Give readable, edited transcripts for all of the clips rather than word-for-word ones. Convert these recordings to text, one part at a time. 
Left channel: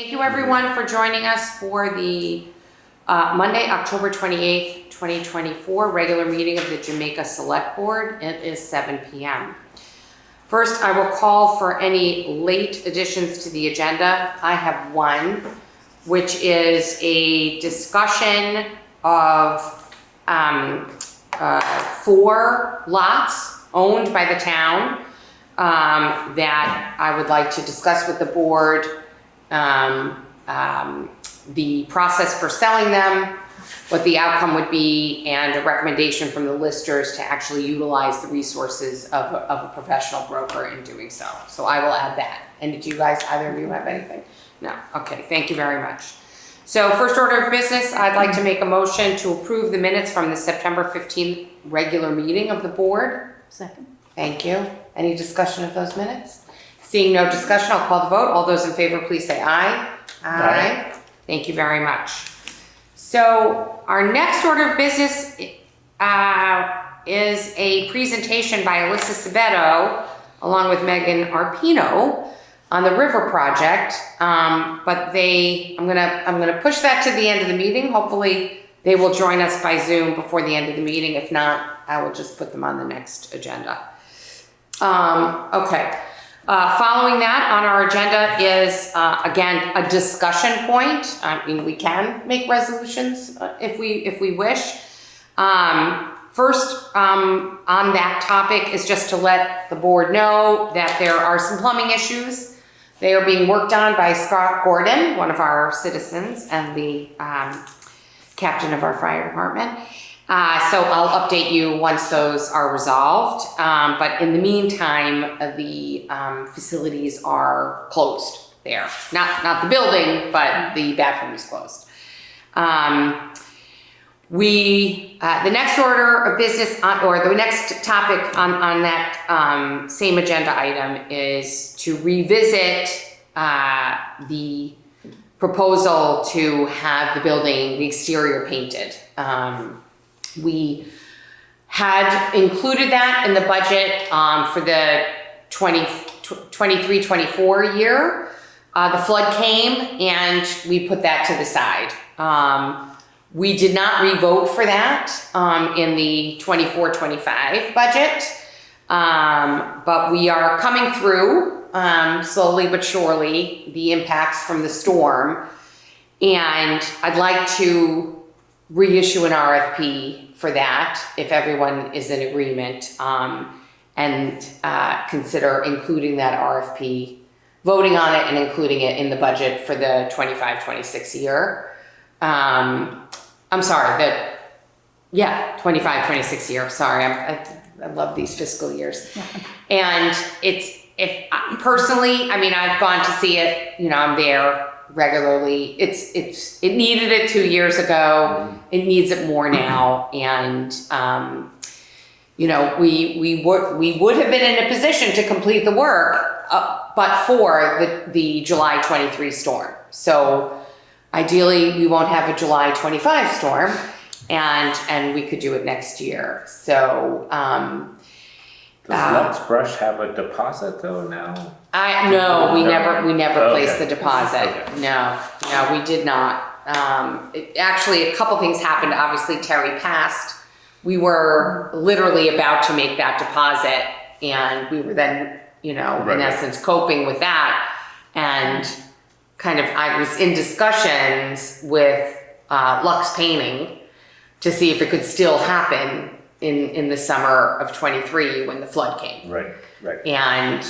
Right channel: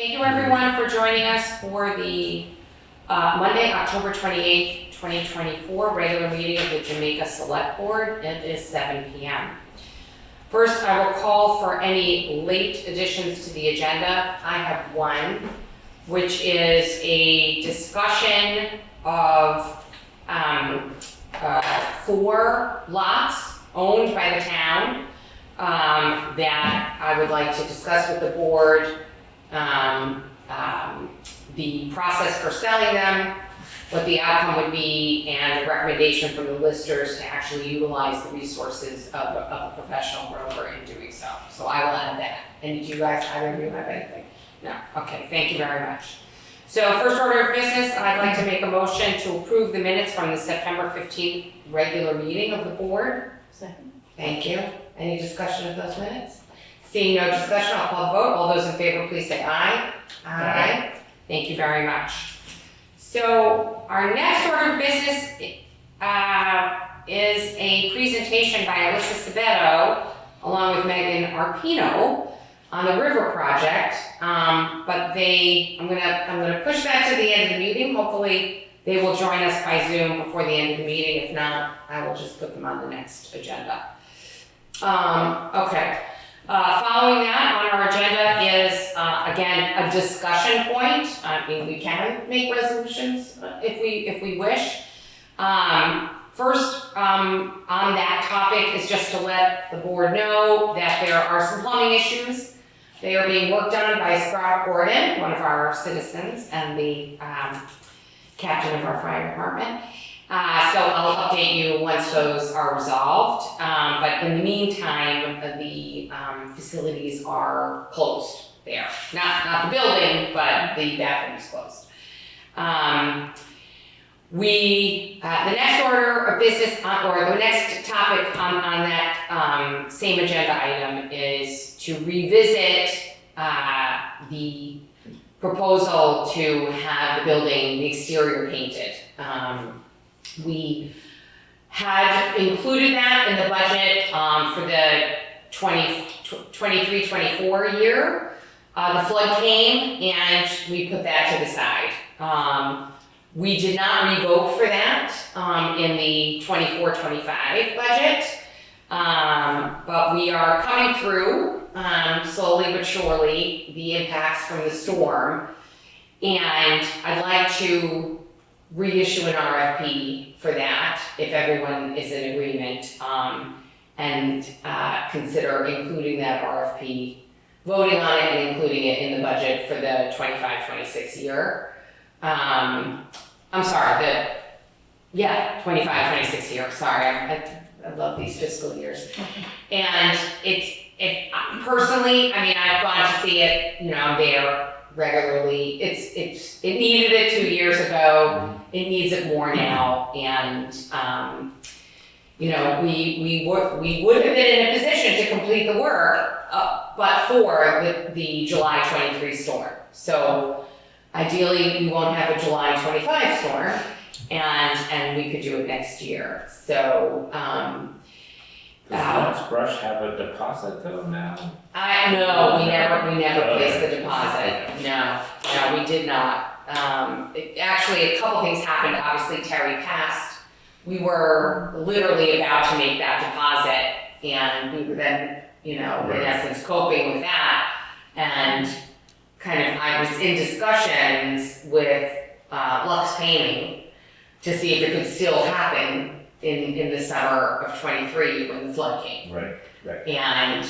Thank you everyone for joining us for the Monday, October 28th, 2024 regular meeting of the Jamaica Selectboard. It is 7 p.m. First, I will call for any late additions to the agenda. I have one, which is a discussion of 4 lots owned by the town that I would like to discuss with the board. The process for selling them, what the outcome would be, and a recommendation from the listers to actually utilize the resources of a professional broker in doing so. So I will add that. And did you guys, either of you have anything? No? Okay, thank you very much. So first order of business, I'd like to make a motion to approve the minutes from the September 15th regular meeting of the board. Second. Thank you. Any discussion of those minutes? Seeing no discussion, I'll call the vote. All those in favor, please say aye. Aye. Thank you very much. So our next order of business is a presentation by Alyssa Sabetto along with Meghan Arpino on the river project. But I'm gonna push that to the end of the meeting. Hopefully they will join us by Zoom before the end of the meeting. If not, I will just put them on the next agenda. Okay. Following that on our agenda is, again, a discussion point. I mean, we can make resolutions if we wish. First, on that topic is just to let the board know that there are some plumbing issues. They are being worked on by Scott Gordon, one of our citizens and the captain of our fire department. So I'll update you once those are resolved. But in the meantime, the facilities are closed there. Not the building, but the bathroom is closed. The next order of business, or the next topic on that same agenda item is to revisit the proposal to have the building, the exterior painted. We had included that in the budget for the 23-24 year. The flood came and we put that to the side. We did not revote for that in the 24-25 budget, but we are coming through slowly but surely the impacts from the storm, and I'd like to reissue an RFP for that if everyone is in agreement, and consider including that RFP, voting on it and including it in the budget for the 25-26 year. I'm sorry, 25-26 year, sorry, I love these fiscal years. And personally, I mean, I've gone to see it, I'm there regularly. It needed it 2 years ago. It needs it more now, and we would have been in a position to complete the work, but for the July 23 storm. So ideally, we won't have a July 25 storm, and we could do it next year. So. Does Lux Brush have a deposit though now? No, we never Okay. placed the deposit. Okay. No, we did not. Actually, a couple things happened. Obviously, Terry passed. We were literally about to make that deposit, and we were then, in essence, coping with that. And I was in discussions with Lux Painting to see if it could still happen in the summer of 23 when the flood came. Right. And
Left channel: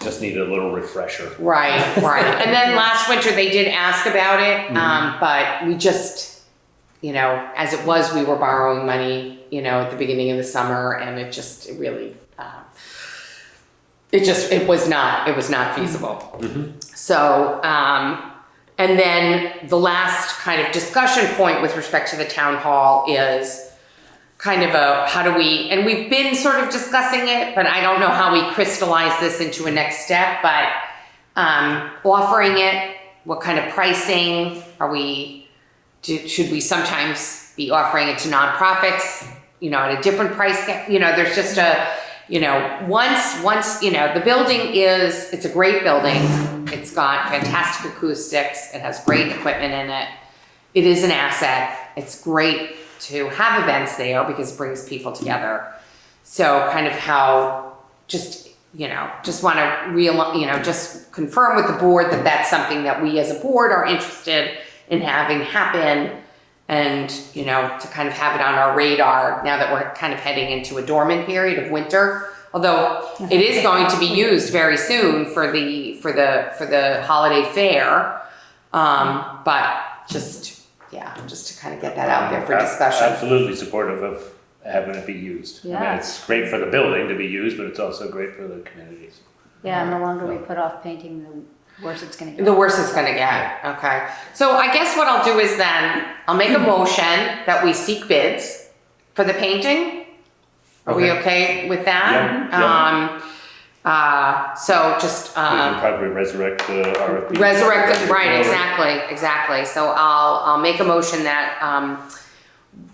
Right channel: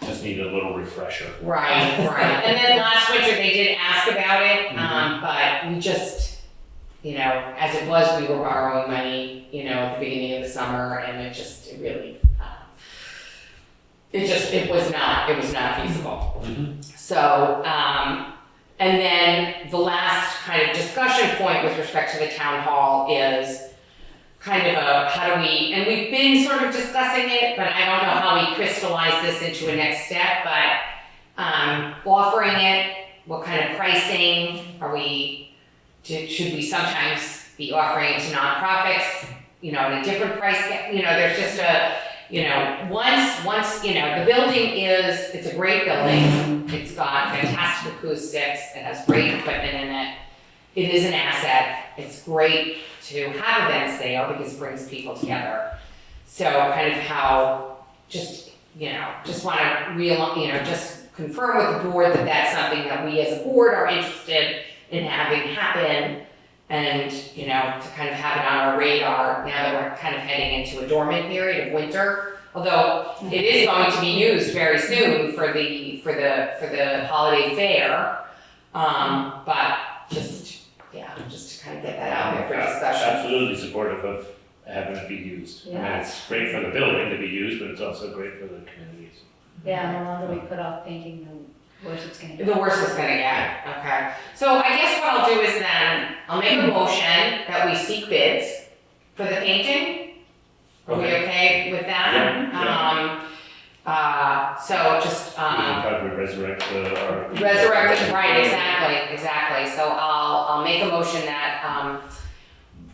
Just need a little refresher. right. And then last winter they did ask about it, but we just, as it was, we were borrowing money, at the beginning of the summer, and it was not feasible. Mm-hmm. So, and then the last kind of discussion point with respect to the town hall is kind of and we've been sort of discussing it, but I don't know how we crystallize this into a next step, but offering it, what kind of pricing should we sometimes be offering it to nonprofits, at a different price, there's just once, the building it's a great building. It's got fantastic acoustics. It has great equipment in it. It is an asset. It's great to have events there because it brings people together. So kind of how just want to just confirm with the board that that's something that we as a board are interested in having happen, and to kind of have it on our radar now that we're kind of heading into a dormant period of winter. Although it is going to be used very soon for the holiday fair, but just to kind of get that out there for discussion. Absolutely supportive of having it be used. Yeah. I mean, it's great for the building to be used, but it's also great for the communities. Yeah, and the longer we put off painting, the worse it's gonna get. The worse it's gonna get, okay. So I guess what I'll do is then, I'll make a motion that we seek bids for the painting. Are we okay with that? Yeah. So just, We can probably resurrect the RFP. resurrect it, right, exactly. So I'll make a motion that,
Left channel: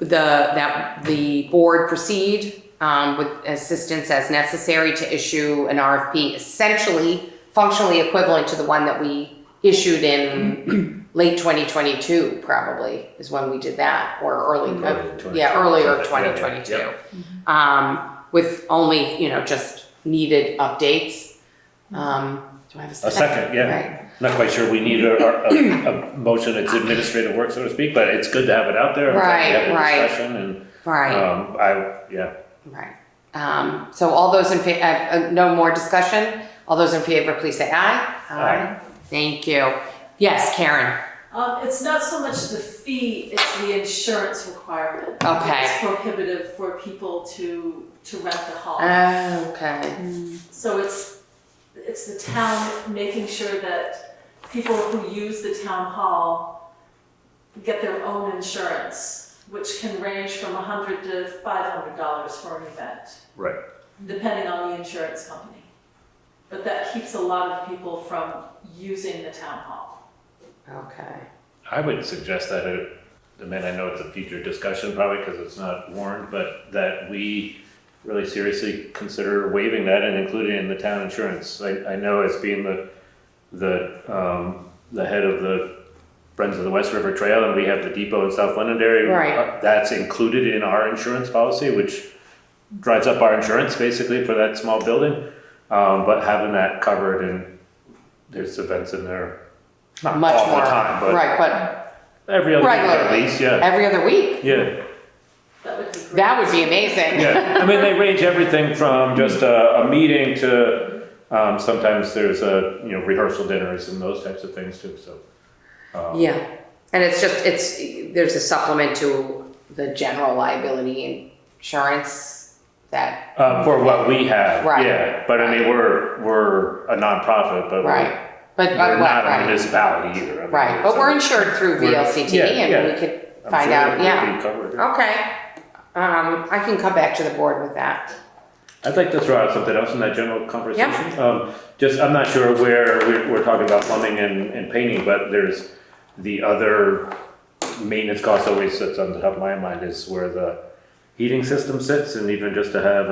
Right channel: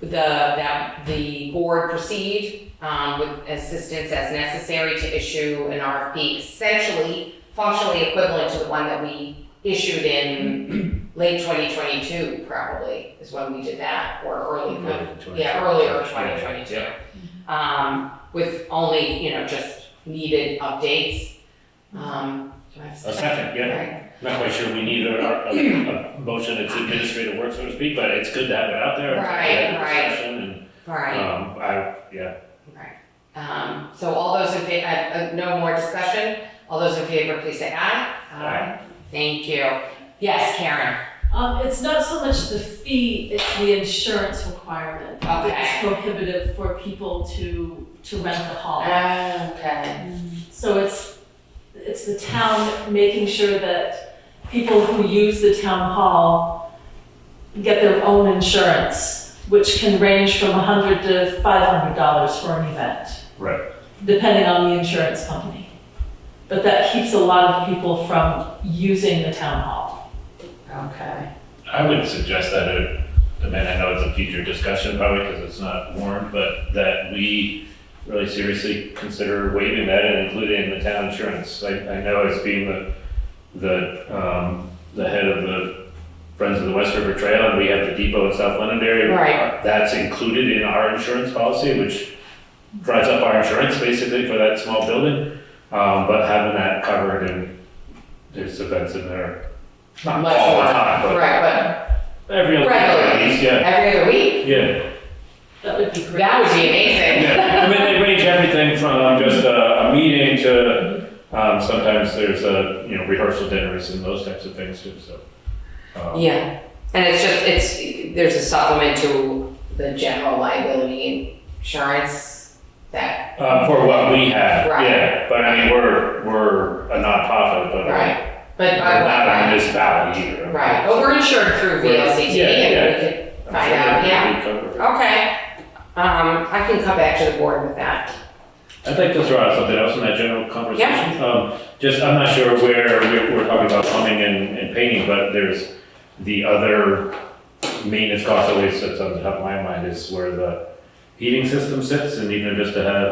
that the board proceed with assistance as necessary to issue an RFP, essentially functionally equivalent to the one that we issued in late 2022, probably is when we did that, or earlier 2022. With only just needed updates. Do I have a second? A second, yeah. Right. Not quite sure we need a motion, it's administrative work, so to speak, but it's good to have it out there. Right. Discussion and, Right. Right. So all those in favor, no more discussion? All those in favor, please say aye. Aye. Thank you. Yes, Karen. It's not so much the fee, it's the insurance requirement. Okay. It's prohibitive for people to rent the hall. Okay. So it's the town making sure that people who use the town hall get their own insurance, which can range from $100 to $500 for an event. Right. Depending on the insurance company. But that keeps a lot of people from using the town hall. Okay. I would suggest that, I know it's a future discussion probably because it's not warned, but that we really seriously consider waiving that and including it in the town insurance. I know as being the head of the Friends of the West River Trail, and we have the depot in South Londonderry. Right. That's included in our insurance policy, which drives up our insurance basically for that small building. But having that covered, and there's events in there, not Much all more. the time, but Right, every other week at least, but every other week? Yeah. That would be great. That would be amazing. Yeah, I mean, they range everything from just a meeting to, sometimes there's rehearsal dinners and those types of things too, so. Yeah, and there's a supplement to the general liability insurance that. For what we have, Right. yeah, but I mean, we're a nonprofit, but Right, but. we're not a municipality either. Right, but we're insured through VLCT and we could find out, yeah. Okay, I can come back to the board with that. I'd like to throw out something else in that general conversation. I'm not sure where we're talking about plumbing and painting, but there's the other maintenance cost always sits on the top of my mind is where the heating system sits, and even just to have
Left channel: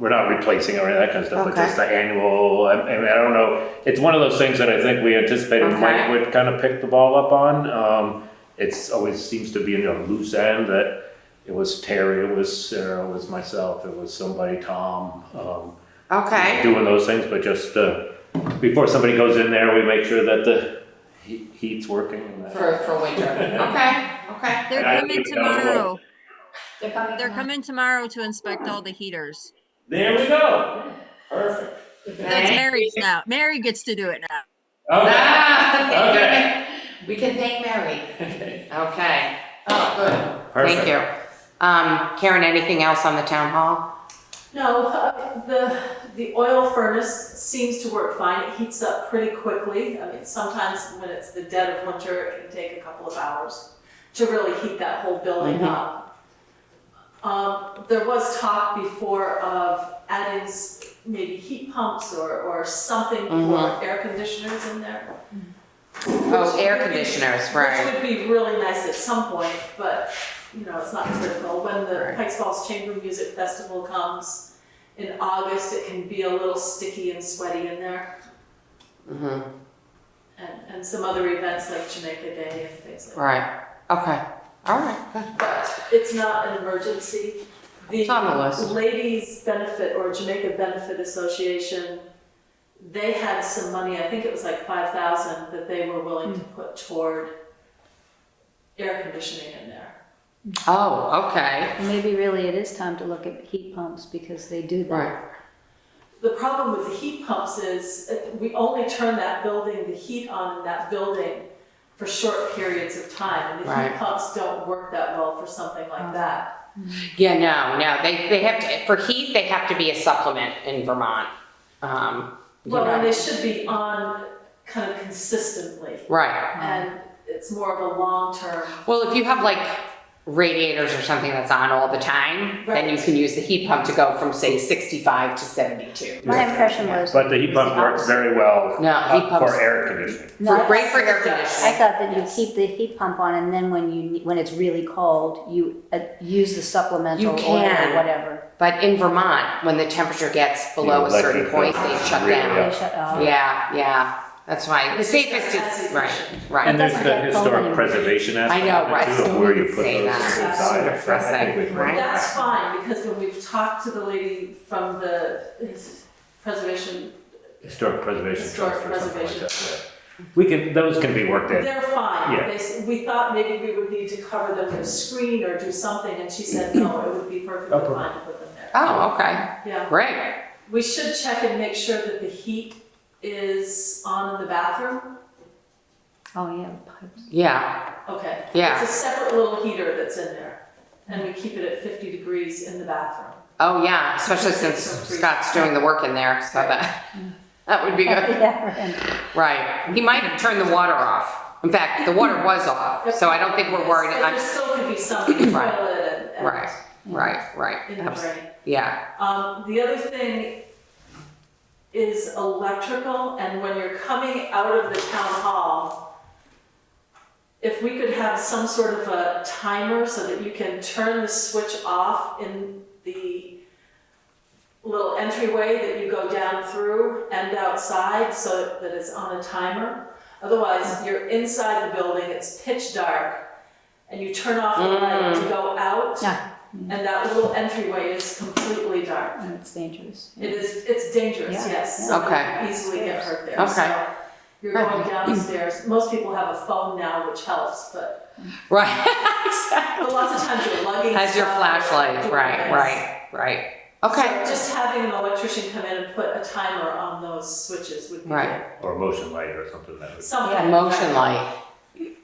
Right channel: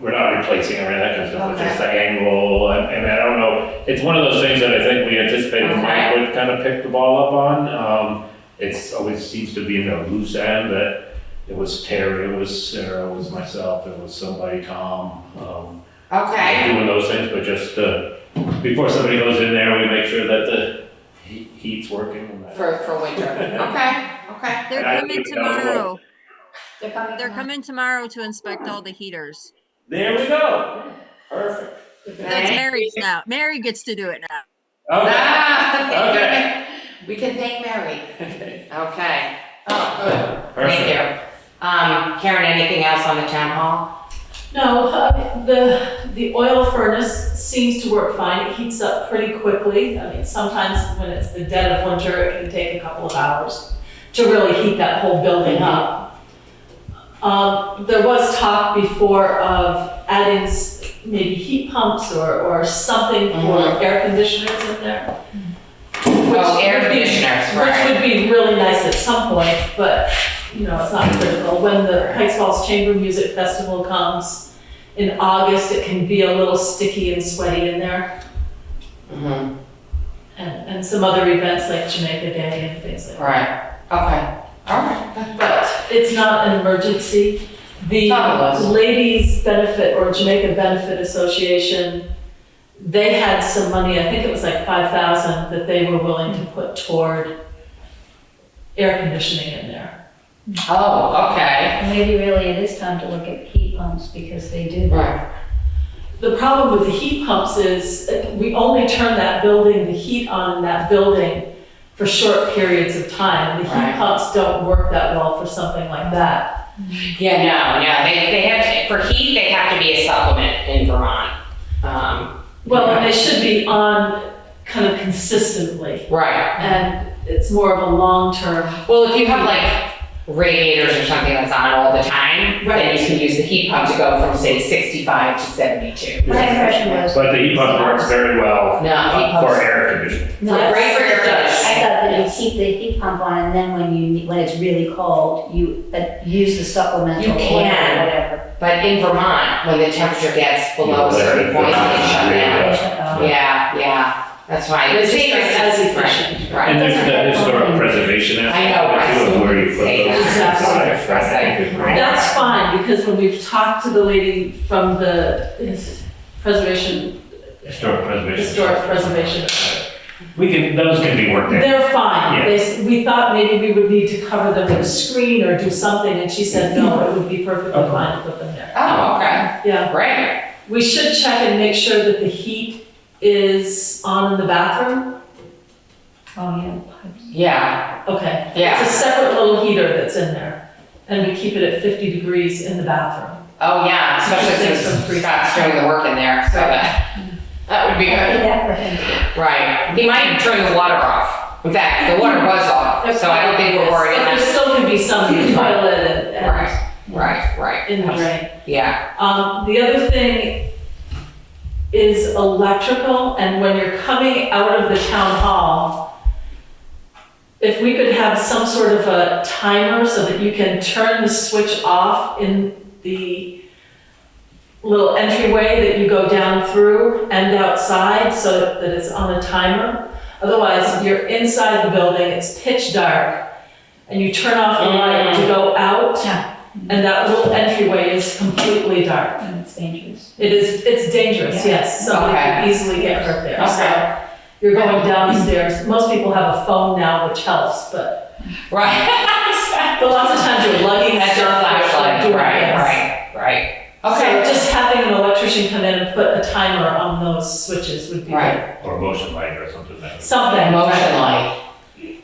we're not replacing or any of that kind of stuff, but just the annual, I don't know. It's one of those things that I think we anticipated Mike would kind of pick the ball up on. It's always seems to be a loose end that it was Terry, it was Sarah, it was myself, it was somebody, Tom. Doing those things, but just before somebody goes in there, we make sure that the heat's working. And that. For winter, okay. They're coming tomorrow. They're coming tomorrow to inspect all the heaters. There we go. Perfect. That's Mary's now. Mary gets to do it now. Okay. We can thank Mary. Okay. Okay. Oh, good. Perfect. Thank you. Karen, anything else on the town hall? No, the oil furnace seems to work fine. It heats up pretty quickly. I mean, sometimes when it's the dead of winter, it can take a couple of hours to really heat that whole building up. There was talk before of adding maybe heat pumps or something for air conditioners in there. Air conditioners, right. Which would be really nice at some point, but it's not critical. When the Pikes Falls Chamber Music Festival comes in August, it can be a little sticky and sweaty in there. Mhm. and some other events like Jamaica Day and things like that. Right, okay, all right. But it's not an emergency. The Fabulous. Ladies Benefit or Jamaica Benefit Association, they had some money, I think it was like 5,000 that they were willing to put toward air conditioning in there. Oh, okay. And maybe really it is time to look at heat pumps because they do. Right. The problem with the heat pumps is we only turn that building, the heat on in that building for short periods of time. The heat Right. pumps don't work that well for something like that. Yeah, no, they have to, for heat, they have to be a supplement in Vermont. Well, and they should be on kind of consistently, Right. and it's more of a long-term. Well, if you have like radiators or something that's on all the time, then you can use the heat pump to go from say 65 to 72. My impression was. But the heat pump works very well No, heat for pumps. air conditioning. No, Great for your I dust. thought that you keep the heat pump on and then when it's really cold, you use the supplemental You oil or can. whatever. But in Vermont, when the temperature gets below a certain point, they shut down. Yeah, that's why. The It's safest as is, efficient. right. And there's the historic preservation I aspect know, of right. it too, where you put Say those that. inside, Right. right? That's fine, because when we've talked to the lady from the preservation, Historic preservation. historic preservation, Those can be worked in. they're fine. Yeah. We thought maybe we would need to cover them with a screen or do something, and she said, no, it would be perfectly Okay. fine to put them there. Oh, okay, Yeah, great. we should check and make sure that the heat is on in the bathroom. Oh, yeah, pipes. Yeah, Okay. yeah. It's a separate little heater that's in there, and we keep it at 50 degrees in the bathroom. Oh, yeah, especially Keep since some freeze. Scott's doing the work in there, so that would be I'll do good. that for him. Right. He might even turn the water off. In fact, the water was off, so I don't think we're worried. But there still can be some in the toilet and Right. in the drain. Yeah, The other thing is electrical, and when you're coming out of the town hall, if we could have some sort of a timer so that you can turn the switch off in the little entryway that you go down through and outside so that it's on a timer. Otherwise, you're inside the building, it's pitch dark, and you turn off the light to go out, and that little entryway is completely dark. And it's dangerous. It's dangerous, Yeah. yes, somebody Okay. could easily get hurt there. Okay. So you're going downstairs, most people have a phone now, which helps, but right. lots of times you're lugging That's your stuff, you're flashlight, doing right. things. So Okay. just having an electrician come in and put a timer on those switches would be good. Right. Or motion light or something like that. Something. Motion light.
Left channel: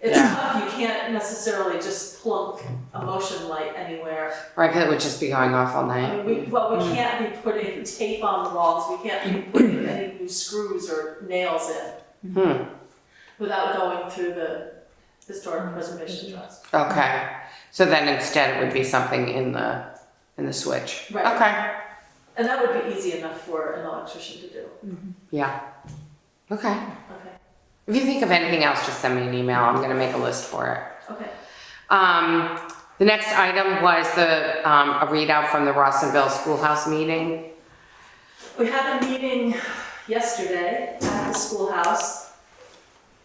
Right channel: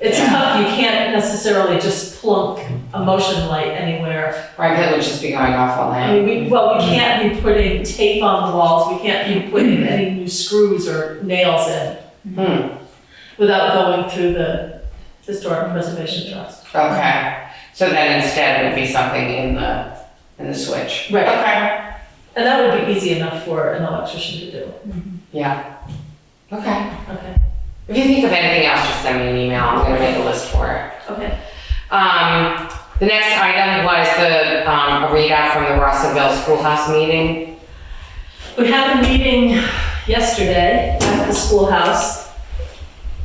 It's tough, you can't necessarily just plunk a motion light anywhere. Right, that would just be going off all I night. mean, we can't be putting tape on the walls, we can't be putting any new screws or nails in without going through the Historic Preservation Trust. Okay. So that instead would be something in the switch. Right. Okay. And that would be easy enough for an electrician to do. Yeah. Okay. Okay, If you think of anything else, just send me an email. I'm gonna make a list for it. okay. The next item was a readout from the Rawsonville School House meeting. We had a meeting yesterday at the schoolhouse.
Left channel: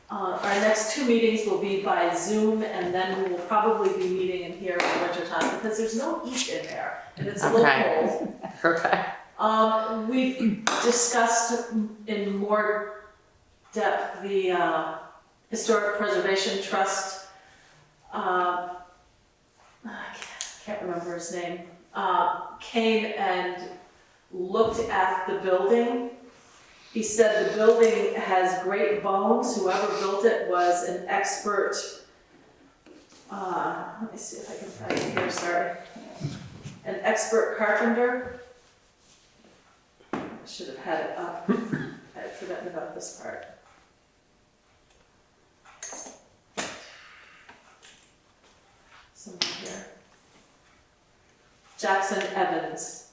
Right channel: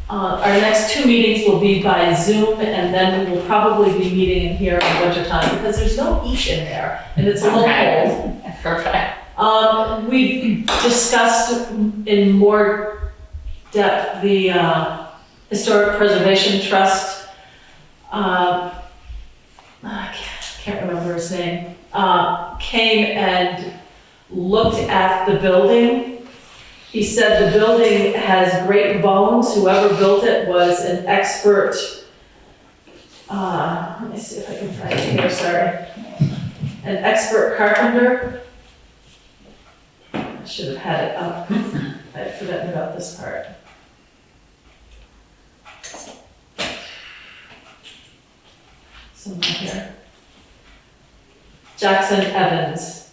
Our next two meetings will be by Zoom, and then we will probably be meeting in here in winter time because there's no heat in there, and it's a little Okay. cold. Perfect. We discussed in more depth the Historic Preservation Trust. I can't remember his name. Came and looked at the building. He said the building has great bones. Whoever built it was an expert. Let me see if I can find it here, sorry. An expert carpenter. I should have had it up. I had forgotten about this part. Somewhere here. Jackson Evans.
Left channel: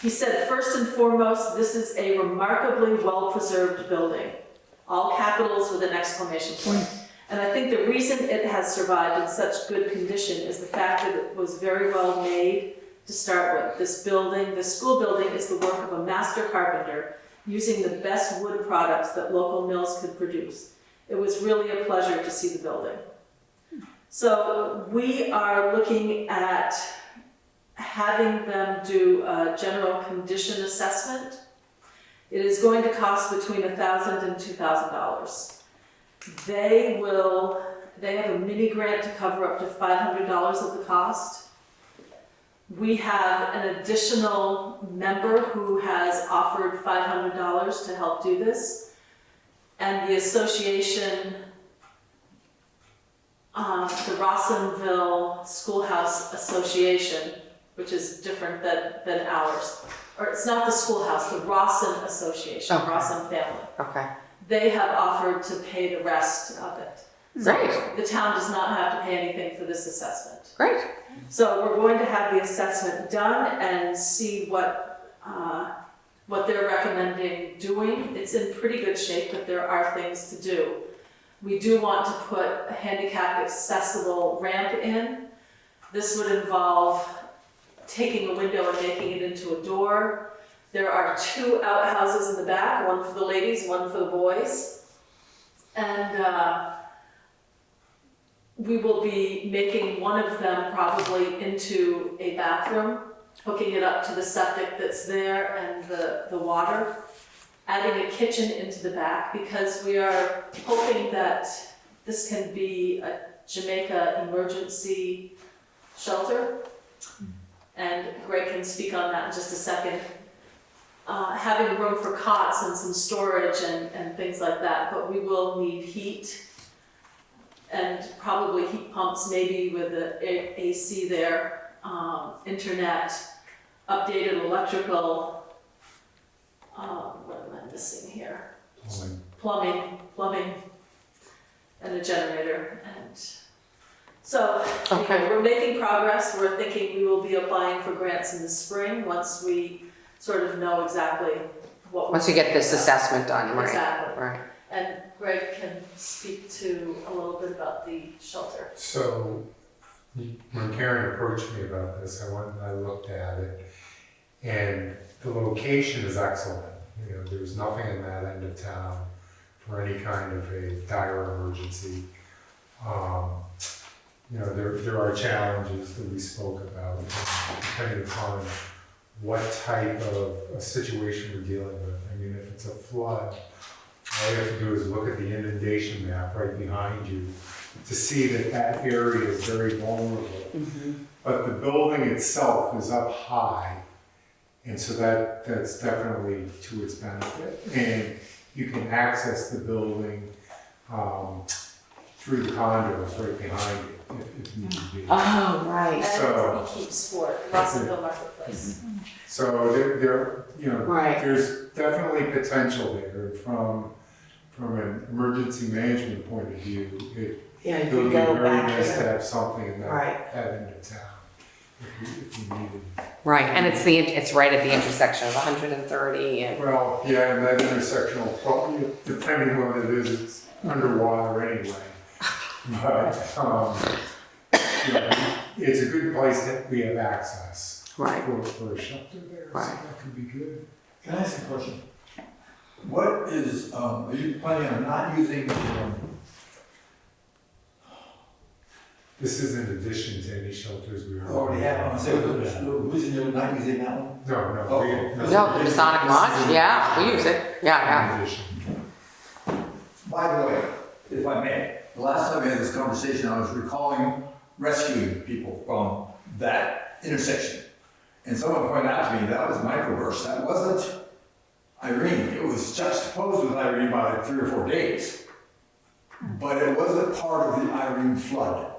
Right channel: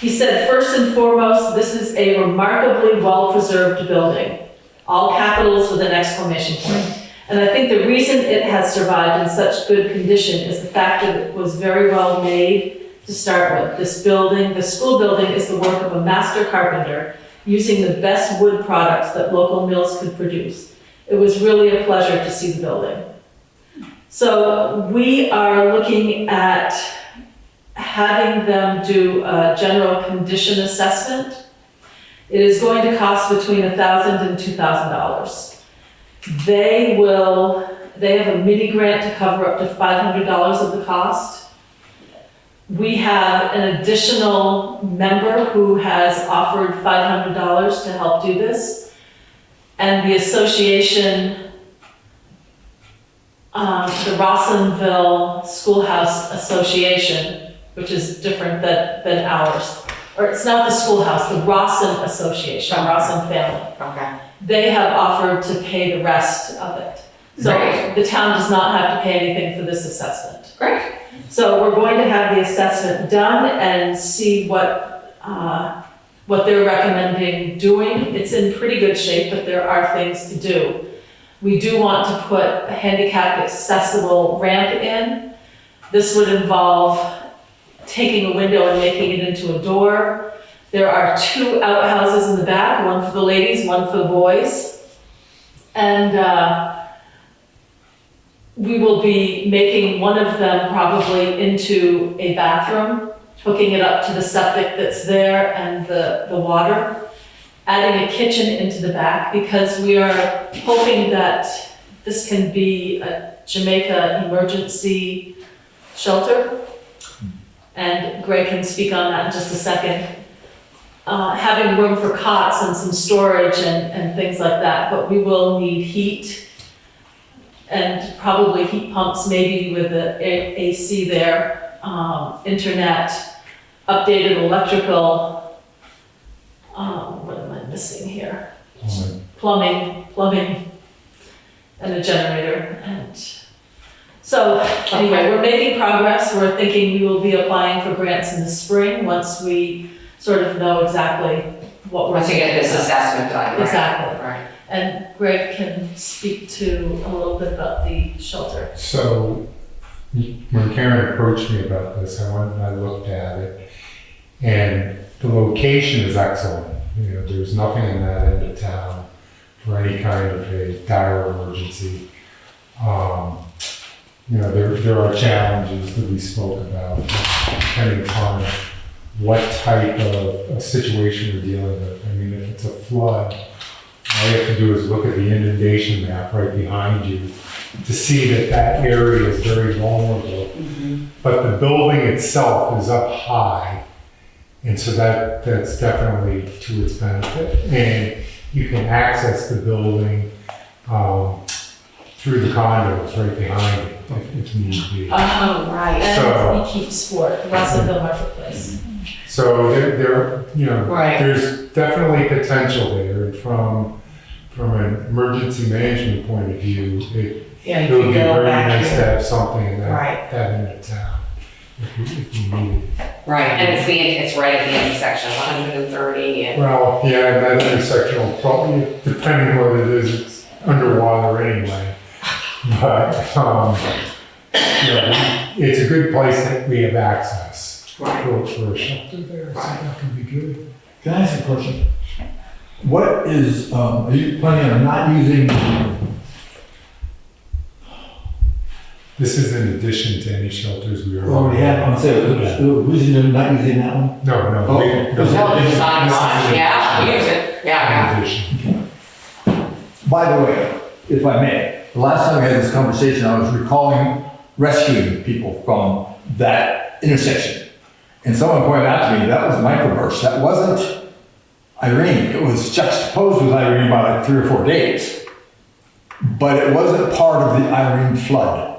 He said, first and foremost, this is a remarkably well-preserved building. All capitals with an exclamation point. And I think the reason it has survived in such good condition is the fact that it was very well made to start with. This building, the school building, is the work of a master carpenter. using the best wood products that local mills could produce. It was really a pleasure to see the building. So we are looking at having them do a general condition assessment. It is going to cost between $1,000 and $2,000. They have a mini grant to cover up to $500 of the cost. We have an additional member who has offered $500 to help do this. And the association, the Rawsonville School House Association, which is different than ours. Or it's not the schoolhouse, the Rawson Association, Okay. Rawson family. Okay. They have offered to pay the rest of it. So Great. the town does not have to pay anything for this assessment. Great. So we're going to have the assessment done and see what they're recommending doing. It's in pretty good shape, but there are things to do. We do want to put a handicapped accessible ramp in. This would involve taking a window and making it into a door. There are 2 outhouses in the back, one for the ladies, one for the boys. And we will be making one of them probably into a bathroom, hooking it up to the septic that's there and the water, adding a kitchen into the back, because we are hoping that this can be a Jamaica emergency shelter. And Greg can speak on that in just a second. Having room for cots and some storage and things like that, but we will need heat and probably heat pumps, maybe with the AC there, internet, updated electrical, what am I missing here? Plumbing, and a generator. And so anyway, we're making progress. We're thinking we will be applying for grants in the spring once we sort of know exactly what we're Once you get doing. this assessment done, right? Exactly. Right. And Greg can speak to a little bit about the shelter. So when Karen approached me about this, I went and I looked at it, and the location is excellent. You know, there's nothing in that end of town for any kind of a dire emergency. You know, there are challenges that we spoke about, depending upon what type of a situation we're dealing with. I mean, if it's a flood, all you have to do is look at the inundation map right behind you to see that that area is very vulnerable. But the building itself is up high, and so that's definitely to its benefit. And you can access the building through the condos right behind it if need be. Oh, right. And we keep sport, Rawsonville Marketplace. So there, you know, Right. there's definitely potential there. And from an emergency management point of view, Yeah, it you would can be go very back nice to here. have something in Right. that end of town if we need it. Right, and it's right at the intersection of 130 and. Well, yeah, that intersection will probably, depending what it is, it's underwater anyway. But, you know, it's a good place that we have access Right. for a shelter there, so Right. that could be good. Can I ask a question? What is, are you planning on not using, This is in addition to any shelters we already have, I'm saying, the reason you're not using that one? No, no. Oh, we- is No, that- it's not this is much, in yeah, we addition. use it, yeah. In addition. By the way, if I may, the last time we had this conversation, I was recalling rescuing people from that intersection. And someone pointed out to me, that was microburst, that wasn't Irene, it was juxtaposed with Irene by like 3 or 4 days. But it wasn't part of the Irene flood.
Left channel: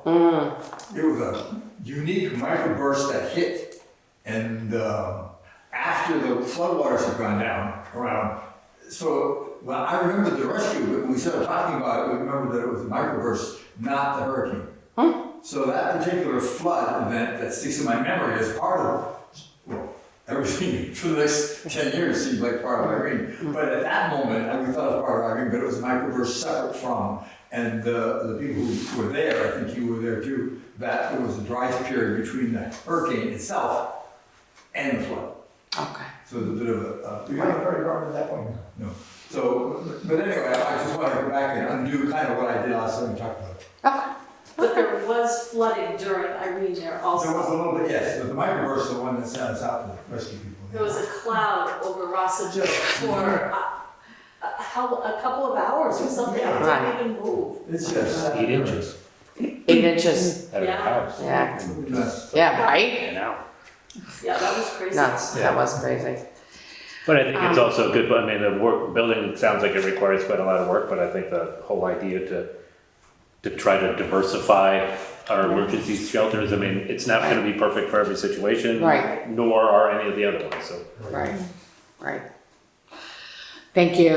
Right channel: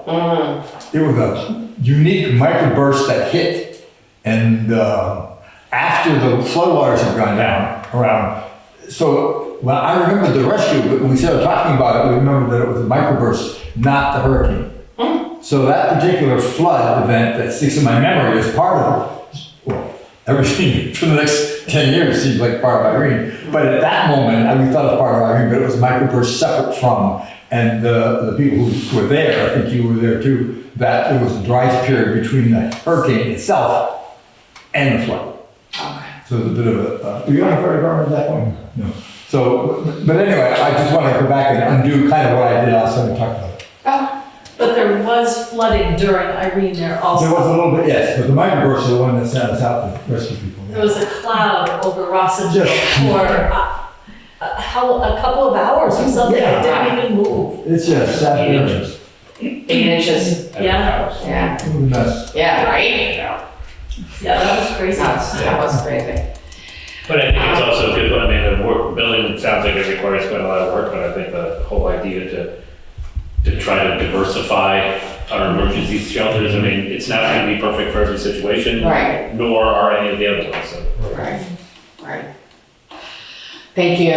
It was a unique microburst that hit, and after the floodwaters had gone down around. So when I remember the rescue, but when we started talking about it, we remembered that it was a microburst, not the hurricane. So that particular flood event that sticks in my memory is part of, well, everything for the next 10 years seems like part of Irene. But at that moment, we thought it was part of Irene, but it was a microburst separate from. And the people who were there, I think you were there too, that it was a dry period between the hurricane itself and the flood. Okay. So it's a bit of a, were you on a fire department at that point? No. So, but anyway, I just want to go back and undo kind of what I did last time we talked about it. Oh, But there was flooding during Irene there also. There was a little bit, yes, but the microburst is the one that sent us out to rescue people. There was a cloud over Rawsonville Just- for a couple of hours or something. It didn't even move. It's just sad. 8 inches. 8 inches. Yeah. Yeah. Mess. Yeah, right? Yeah, that was crazy. That was crazy. But I think it's also good, I mean, the work, building sounds like it requires quite a lot of work, but I think the whole idea to try to diversify our emergency shelters, I mean, it's not gonna be perfect for every situation. Right. Nor are any of the other ones, so. Right, right. Thank you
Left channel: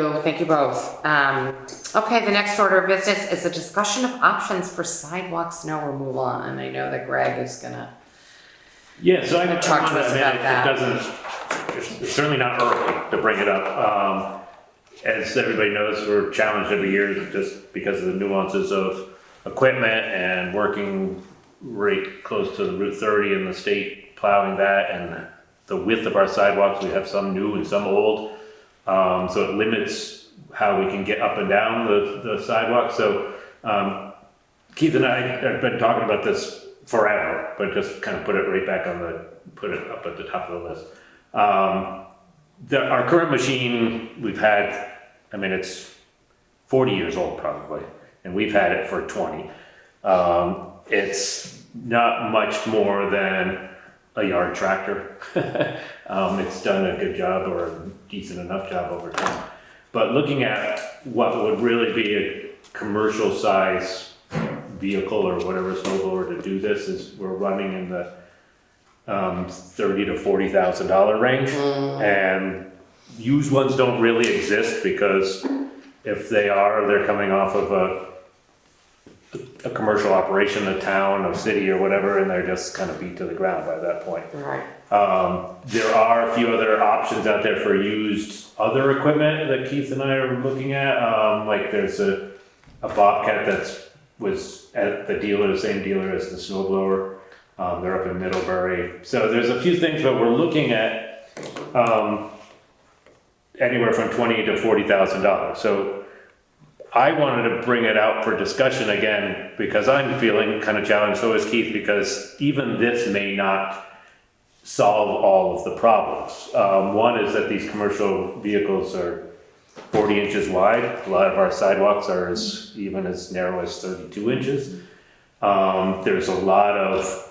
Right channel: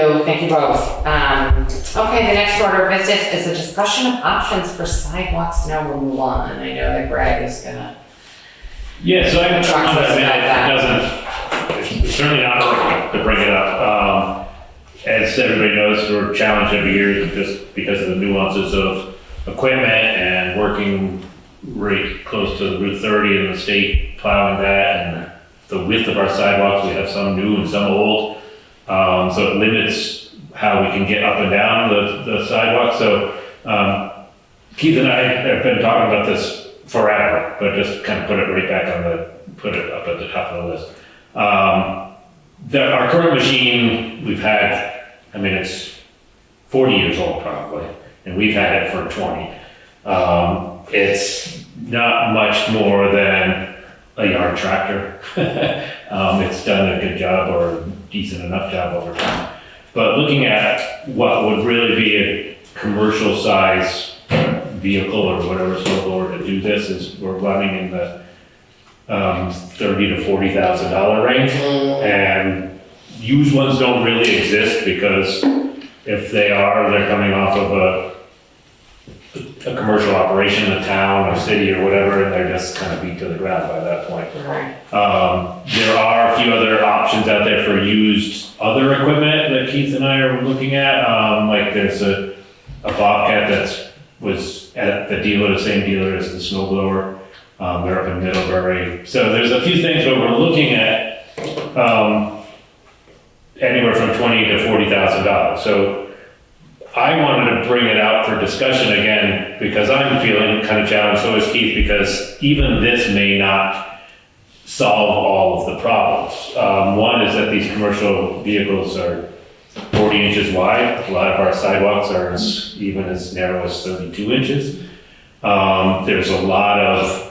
both. Okay, the next order of business is a discussion of options for sidewalk snow removal, and I know that Greg is gonna. Yeah, so I can Talk talk to about us that, about I mean, it's certainly not perfect to bring it up. As everybody knows, we're challenged every year just because of the nuances of equipment and working right close to Route 30 and the state plowing that, and the width of our sidewalks, we have some new and some old. So it limits how we can get up and down the sidewalk. So Keith and I have been talking about this forever, but just kind of put it right back put it up at the top of the list. Our current machine, we've had, I mean, it's 40 years old probably, and we've had it for 20. It's not much more than a yard tractor. It's done a good job or a decent enough job over time. But looking at what would really be a commercial size vehicle or whatever snowblower to do this, is we're running in the $30,000 to $40,000 range. And used ones don't really exist, because if they are, they're coming off of a commercial operation, a town, a city or whatever, and they're just kind of beat to the ground by that point. Right. There are a few other options out there for used other equipment that Keith and I are looking at. Like there's a Bobcat was at the dealer, the same dealer as the snowblower. They're up in Middlebury. So there's a few things, but we're looking at anywhere from $20,000 to $40,000. So I wanted to bring it out for discussion again, because I'm feeling kind of challenged, so is Keith, because even this may not solve all of the problems. One is that these commercial vehicles are 40 inches wide. A lot of our sidewalks are even as narrow as 32 inches. There's a lot of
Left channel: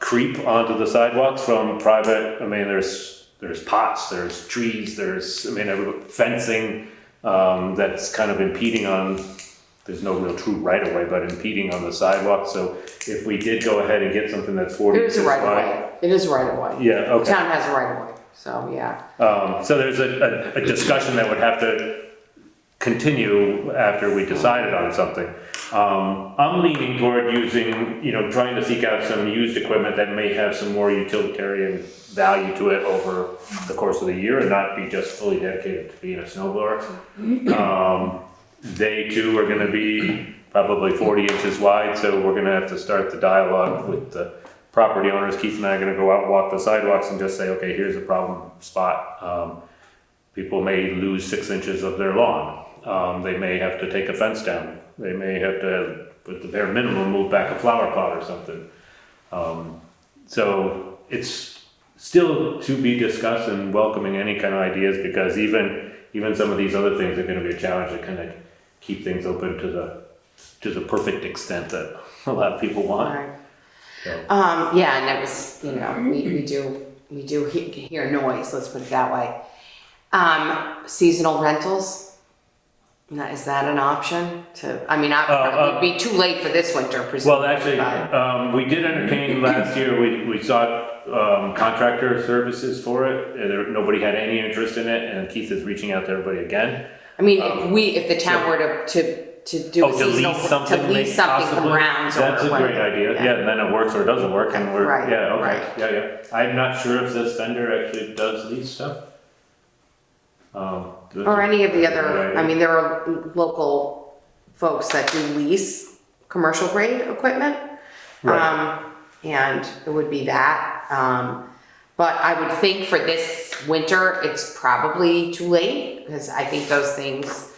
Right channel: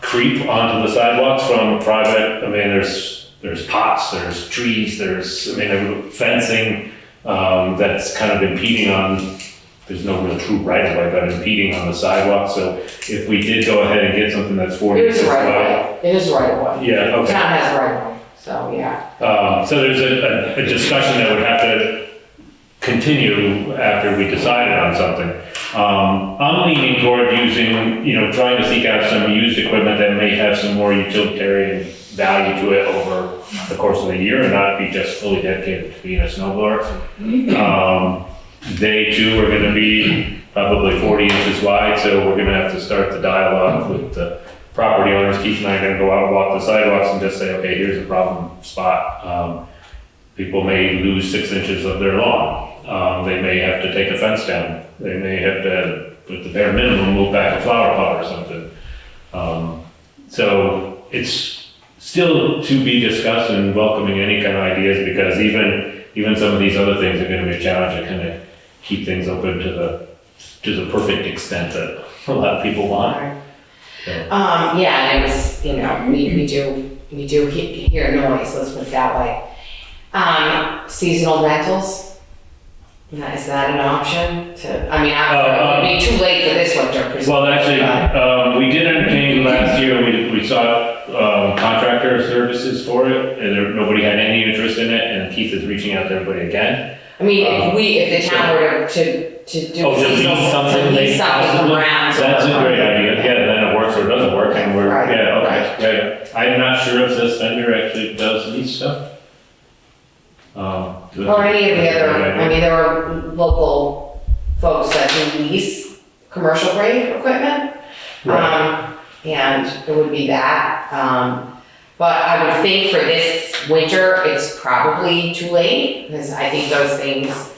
creep onto the sidewalks from private. I mean, there's pots, there's trees, there's fencing that's kind of impeding on. There's no real true right of way, but impeding on the sidewalk. So if we did go ahead and get something that's 40 It is inches a right wide. of way. It is a right of way. Yeah, okay. Town has a right of way, so yeah. So there's a discussion that would have to continue after we decided on something. I'm leaning toward using, trying to seek out some used equipment that may have some more utilitarian value to it over the course of the year and not be just fully dedicated to being a snowblower. They too are gonna be probably 40 inches wide, so we're gonna have to start the dialogue with the property owners. Keith and I are gonna go out and walk the sidewalks and just say, okay, here's a problem spot. People may lose 6 inches of their lawn. They may have to take a fence down. They may have to, at the bare minimum, move back a flower pot or something. So it's still to be discussed and welcoming any kind of ideas, because even some of these other things are gonna be a challenge to kind of keep things open to the perfect extent that a lot of people want. Right. So. Yeah, and it was, we do hear noise, let's put it that way. Seasonal rentals, is that an option it would be too late for this winter, presumably. Well, actually, we did entertain last year, we sought contractor services for it, and nobody had any interest in it, and Keith is reaching out to everybody again. If the town were to do a seasonal, to lease something around. That's a great idea, yeah, then it works or doesn't work, and we're, Right, yeah, okay, yeah. I'm not sure if this vendor actually does lease stuff. Or any of the other, there are local folks that do lease commercial grade equipment. Right. And it would be that. But I would think for this winter, it's probably too late, because I think those things,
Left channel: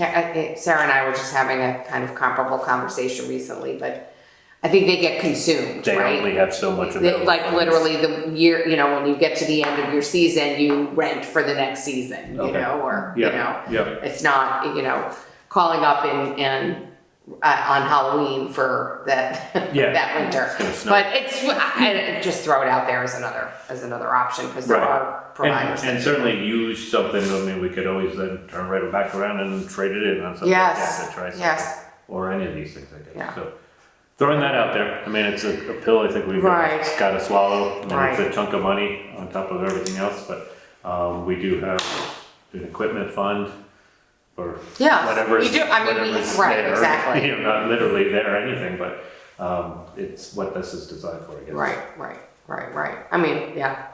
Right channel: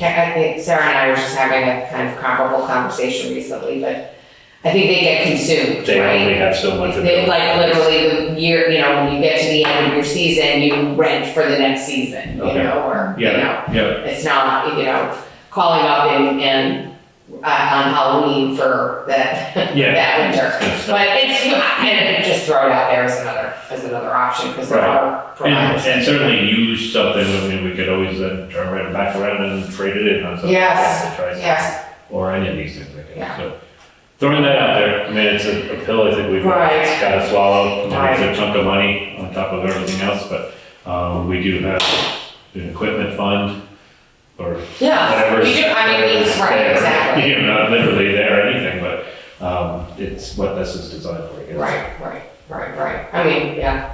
I think Sarah and I were just having a kind of comparable conversation recently, but I think they get consumed, They right? only have so much of They it. like literally the year, when you get to the end of your season, you rent for the next season, Okay. or, Yeah, yeah, it's not, calling up and on Halloween for that, Yeah. that winter. It's- But I just throw it out there as another option, because there are providers. And certainly use something, I mean, we could always then turn right back around and trade it in on something. Yes, like that, try something. Yes, Or any of these things, I Yeah. think, so. Throwing that out there, I mean, it's a pill I think we've Right. got to swallow. I mean, Right. It's a chunk of money on top of everything else, but, we do have an equipment fund for yeah, whatever's. we do, whatever's right, there. exactly. Not literally there or anything, but, it's what this is designed for, I guess. Right. I mean, yeah,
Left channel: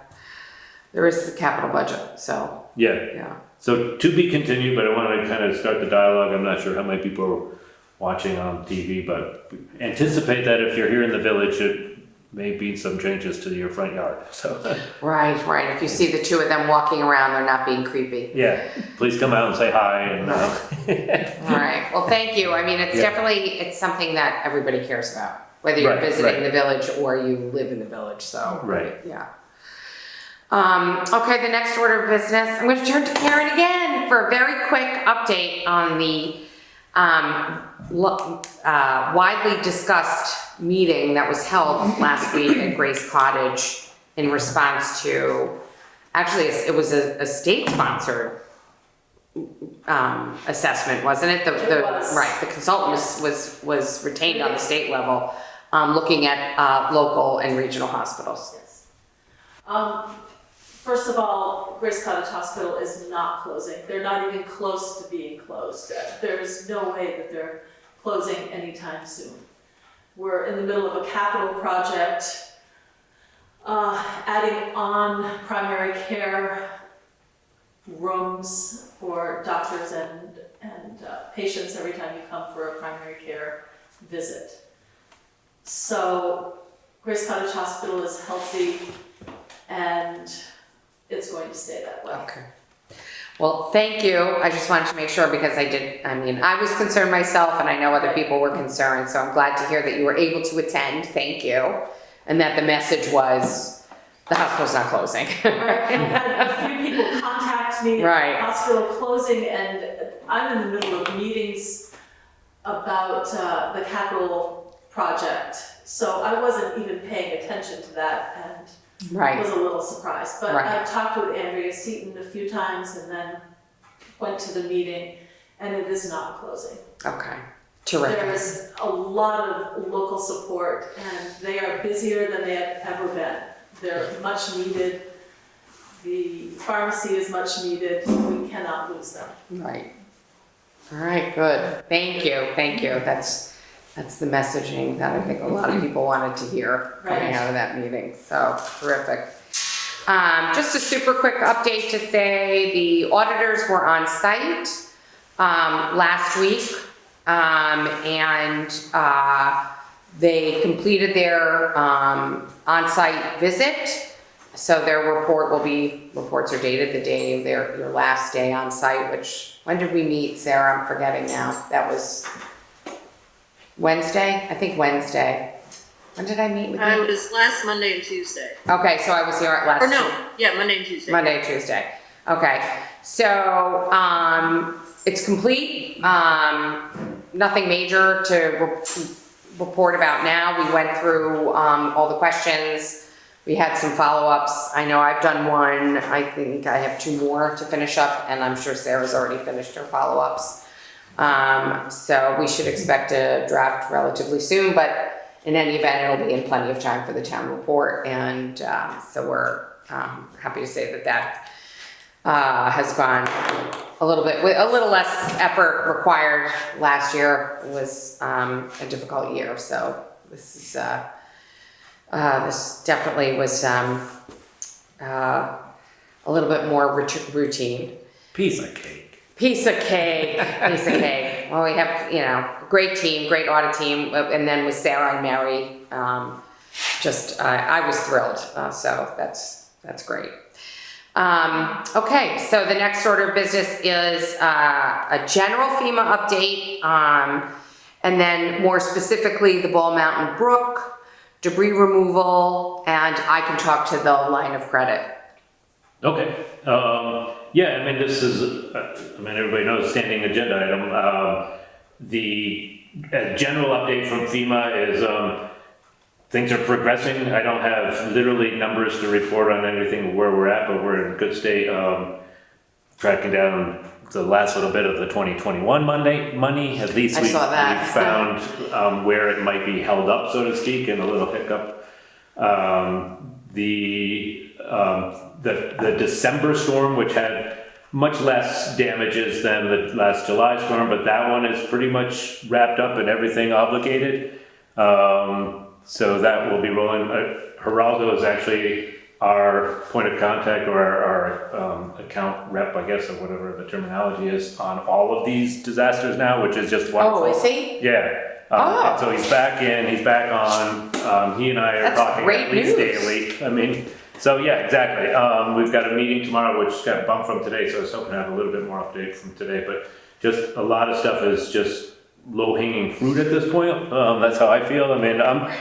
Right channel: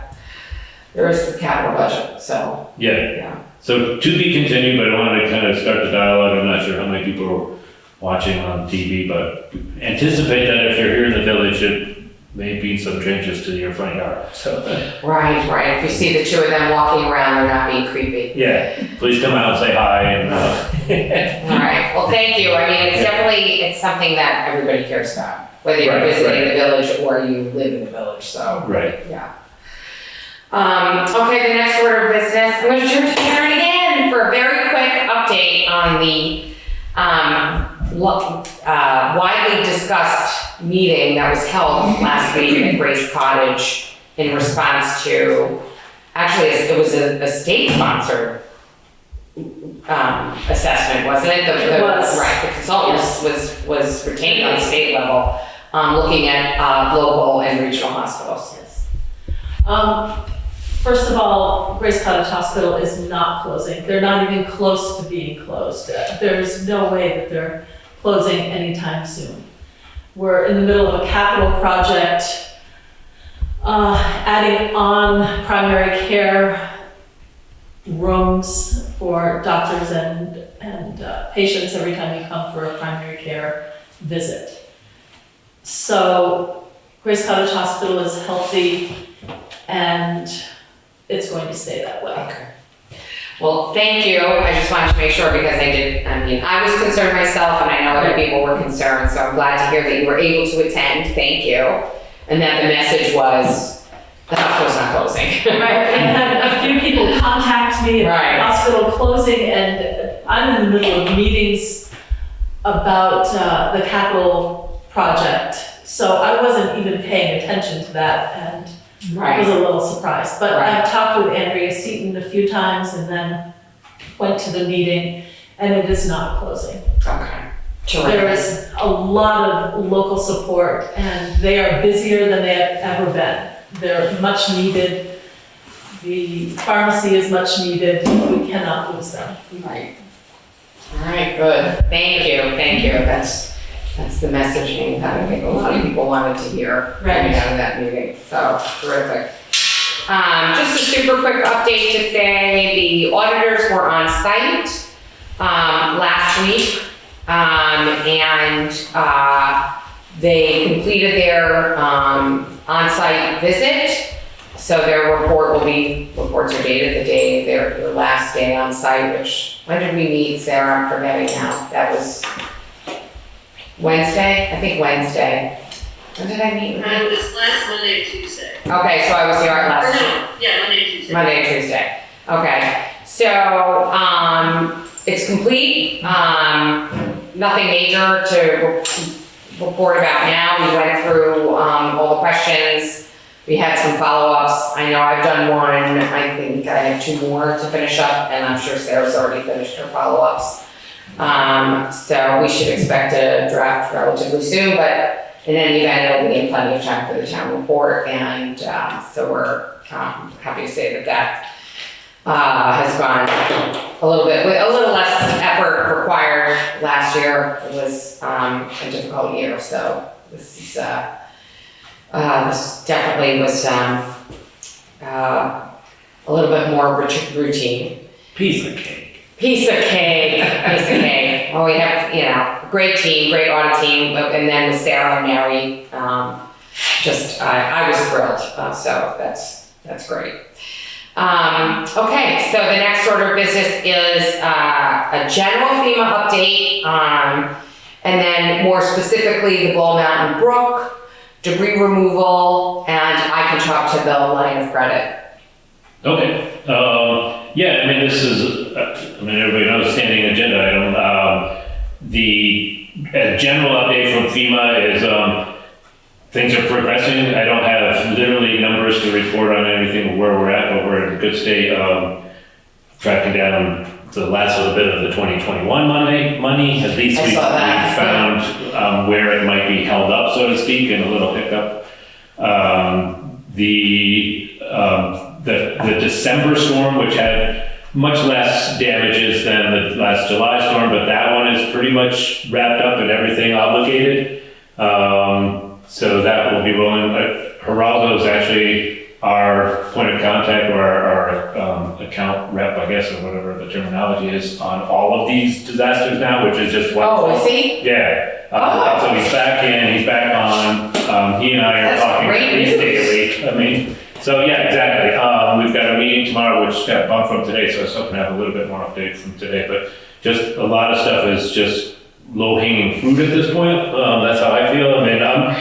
there is the capital budget, so, Yeah, yeah. so to be continued, but I wanted to kind of start the dialogue. I'm not sure how many people are watching on TV, but anticipate that if you're here in the village, it may be some changes to your front yard, so. Right, if you see the two of them walking around, they're not being creepy. Yeah, please come out and say hi and, All right, well, thank you, I mean, it's something that everybody cares about, whether you're Right, visiting right. the village or you live in the village, so. right. Yeah. Okay, the next order of business, I'm gonna turn to Karen again for a very quick update on the, widely discussed meeting that was held last week at Grace Cottage in response to, actually, it was a state-sponsored, assessment, wasn't it? It was. Right, the consultant was retained on the state level, looking at, local and regional hospitals. Yes. First of all, Grace Cottage Hospital is not closing. They're not even close to being closed. There's no way that they're closing anytime soon. We're in the middle of a capital project, adding on primary care rooms for doctors and patients every time you come for a primary care visit. So Grace Cottage Hospital is healthy and it's going to stay that way. Okay. Well, thank you. I just wanted to make sure because I was concerned myself and I know other people were concerned, so I'm glad to hear that you were able to attend. Thank you. And that the message was the hospital's not closing. Right, and had a few people contact me about Right. the hospital closing, and I'm in the middle of meetings about the capital project, so I wasn't even paying attention to that, and I was a little surprised. But Right. I've talked with Andrea Seaton a few times, and then went to the meeting, and it is not closing. Okay. There Terrific. is a lot of local support, and they are busier than they have ever been. They're much needed. The pharmacy is much needed. We cannot lose them. Right. All right, good. Thank you. That's the messaging that I think a lot of people wanted to hear coming out of that meeting. So terrific. Just a super quick update to say the auditors were on site last week, and they completed their on-site visit. So their reports are dated the day, their last day on site, which, when did we meet, Sarah? I'm forgetting now. That was Wednesday? I think Wednesday. When did I meet with you? This last Monday or Tuesday. Okay, so I was here at Or last, no, yeah, Monday and Tuesday. Monday, Tuesday. Okay, so, it's complete. Nothing major to report about now. We went through, all the questions. We had some follow-ups. I know I've done one. I think I have 2 more to finish up, and I'm sure Sarah's already finished her follow-ups. So we should expect a draft relatively soon, but in any event, it'll be in plenty of time for the town report, and so we're happy to say that has gone a little bit, with a little less effort required. Last year it was a difficult year, so this is this definitely was a little bit more routine. Piece of cake. Piece of cake. Well, we have, great team, great audit team, and then with Sarah and Mary, I was thrilled. So that's That's great. Okay, so the next order of business is a general FEMA update, and then more specifically the Mountain Brook, debris removal, and I can talk to the line of credit. Okay, yeah, I mean, this is, everybody knows standing agenda item. The general update from FEMA is, things are progressing. I don't have literally numbers to report on anything where we're at, but we're in a good state, tracking down the last little bit of the 2021 money. At least I we saw that. found where it might be held up, so to speak, and a little hiccup. The December storm, which had much less damages than the last July storm, but that one is pretty much wrapped up and everything obligated. So that will be rolling. Geraldo is actually our point of contact, or our account rep, I guess, or whatever the terminology is, on all of these disasters now, which is just one. Oh, is he? Yeah. Oh. So he's back in, he's back on. He and I are That's talking great at least news. daily. I mean, so yeah, exactly. We've got a meeting tomorrow, which got bumped from today, so I was hoping to have a little bit more update from today, but just a lot of stuff is just low-hanging fruit at this point. That's how I feel. I mean, I'm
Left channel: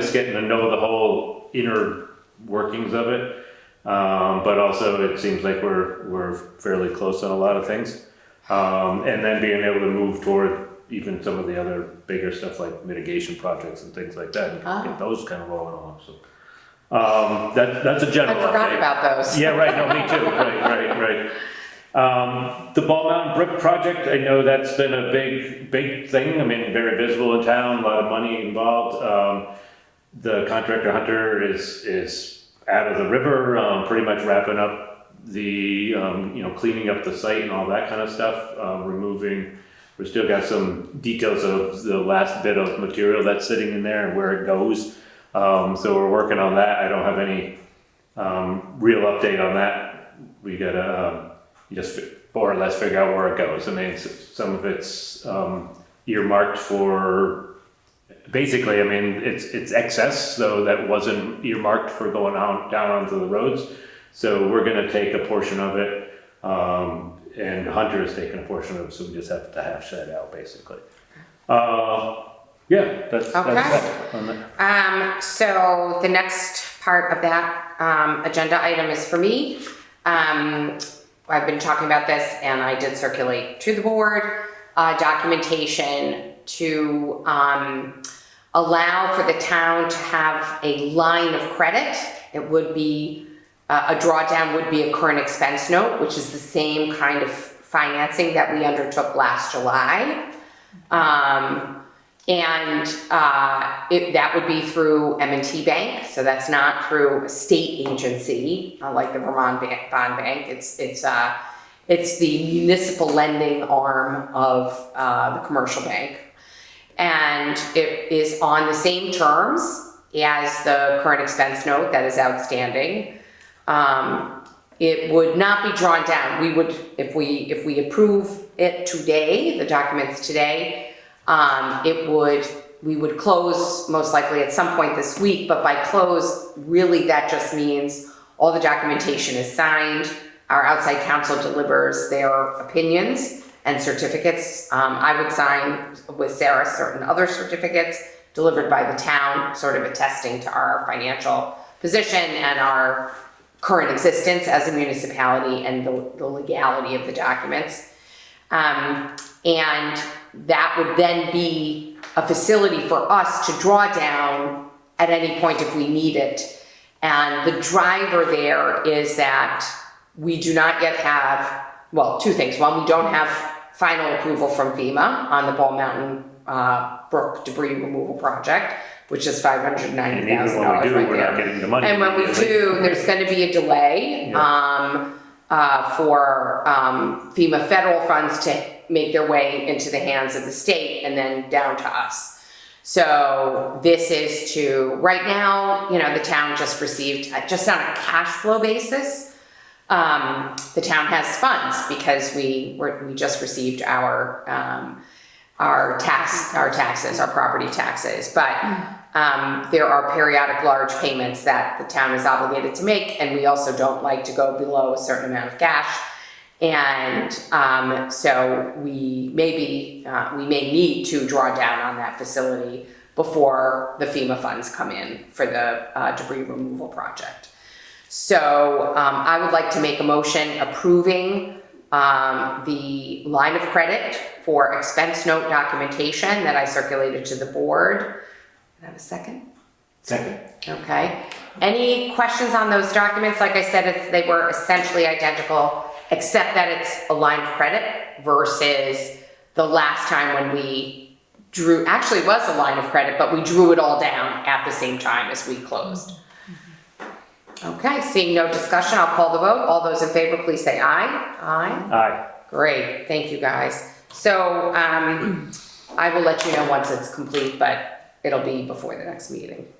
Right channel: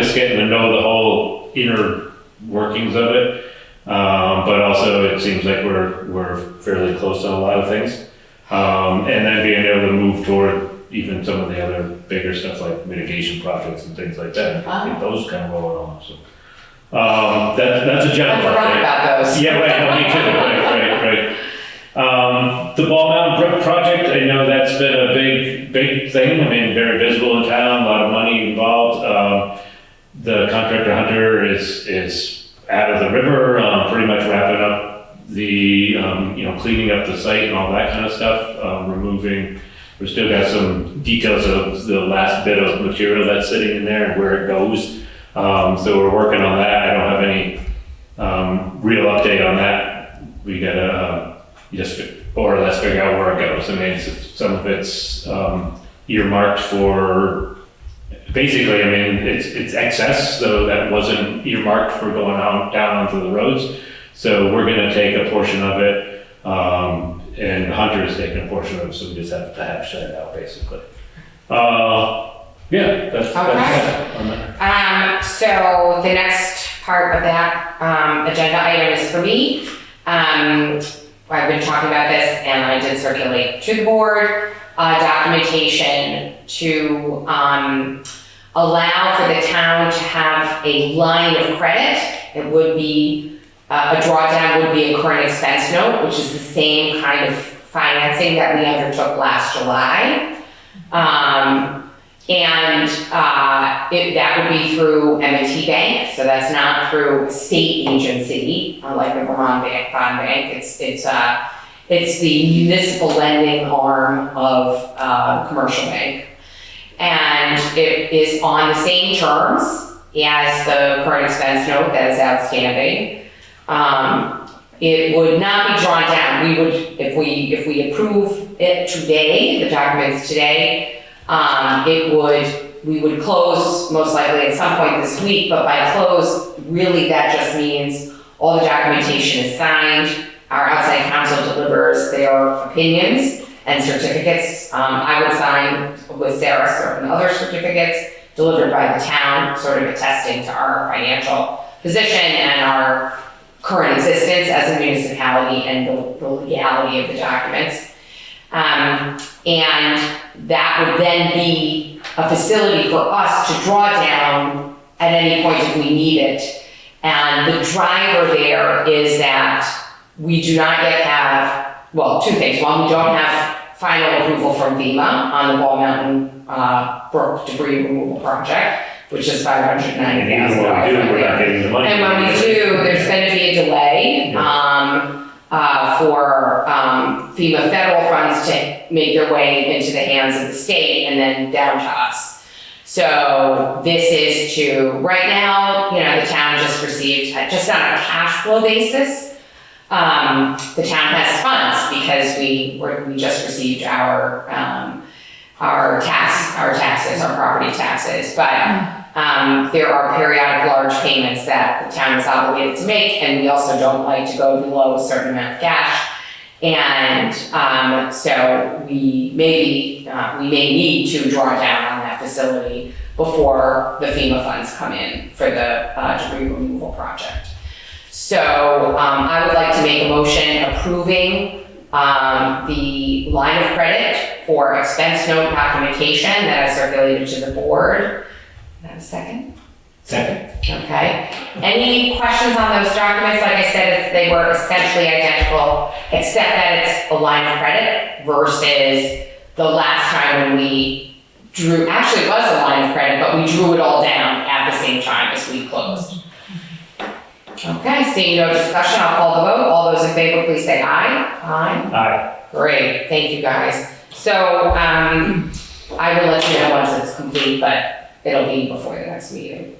just getting to know the whole inner workings of it. But also it seems like we're fairly close on a lot of things. And then being able to move toward even some of the other bigger stuff like mitigation projects and things like that. I think those kind of roll along. So that's a general I forgot update. about those. Yeah, right, no, me too, right. The Mountain Brook project, I know that's been a big thing. I mean, very visible in town, a lot of money involved. The contractor Hunter is out of the river, pretty much wrapping up the, cleaning up the site and all that kind of stuff, we've still got some details of the last bit of material that's sitting in there and where it goes. So we're working on that. I don't have any real update on that. We gotta just more or less figure out where it goes. I mean, some of it's earmarked for, basically, I mean, it's excess, so that wasn't earmarked for going down onto the roads. So we're gonna take a portion of it, and Hunter is taking a portion of it, so we just have to hash that out, basically. Yeah, that's that on that. So the next part of that agenda item is for me. I've been talking about this, and I did circulate to the board documentation to allow for the town to have a line of credit. It would be a drawdown would be a current expense note, which is the same kind of financing that we undertook last July. That would be through M&T Bank, so that's not through a state agency, like the Vermont Bond Bank. It's the municipal lending arm of commercial bank. And it is on the same terms as the current expense note that is outstanding. It would not be drawn down. We would, if we approve it today, the documents today, we would close most likely at some point this week, but by close, really that just means all the documentation is signed, our outside counsel delivers their opinions and certificates. I would sign with Sarah certain other certificates delivered by the town, sort of attesting to our financial position and our current existence as a municipality and the legality of the documents. And that would then be a facility for us to draw down at any point if we need it. And the driver there is that we do not yet have, well, two things. One, we don't have final approval from FEMA on the Mountain Brook debris removal project, which is $590,000. And even when we do, we're not getting the money. And when we do, there's going to be a delay for FEMA federal funds to make their way into the hands of the state and then down to us. So this is to, right now, the town just received, just on a cash flow basis, the town has funds because we just received our taxes, our property taxes. But there are periodic large payments that the town is obligated to make, and we also don't like to go below a certain amount of cash. And so we may need to draw down on that facility before the FEMA funds come in for the debris removal project. So I would like to make a motion approving the line of credit for expense note documentation that I circulated to the board. Have a second? Second. Okay. Any questions on those documents? Like I said, they were essentially identical, except that it's a line of credit versus the last time when we drew, actually it was a line of credit, but we drew it all down at the same time as we closed. Okay, seeing no discussion, I'll call the vote. All those in favor, please say aye. Aye. Aye. Great, thank you guys. So I will let you know once it's complete, but it'll be before the next meeting.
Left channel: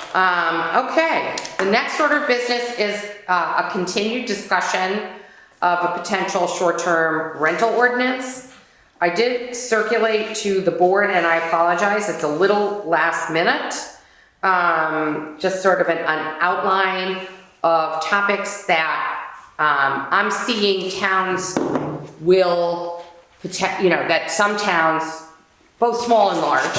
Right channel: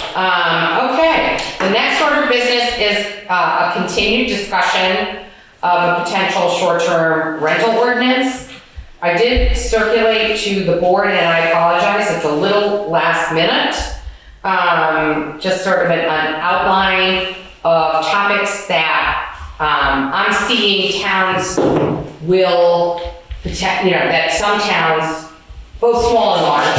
Okay, the next order of business is a continued discussion of a potential short-term rental ordinance. I did circulate to the board, and I apologize, it's a little last minute. Just sort of an outline of topics that I'm seeing towns will, that some towns, both small and large,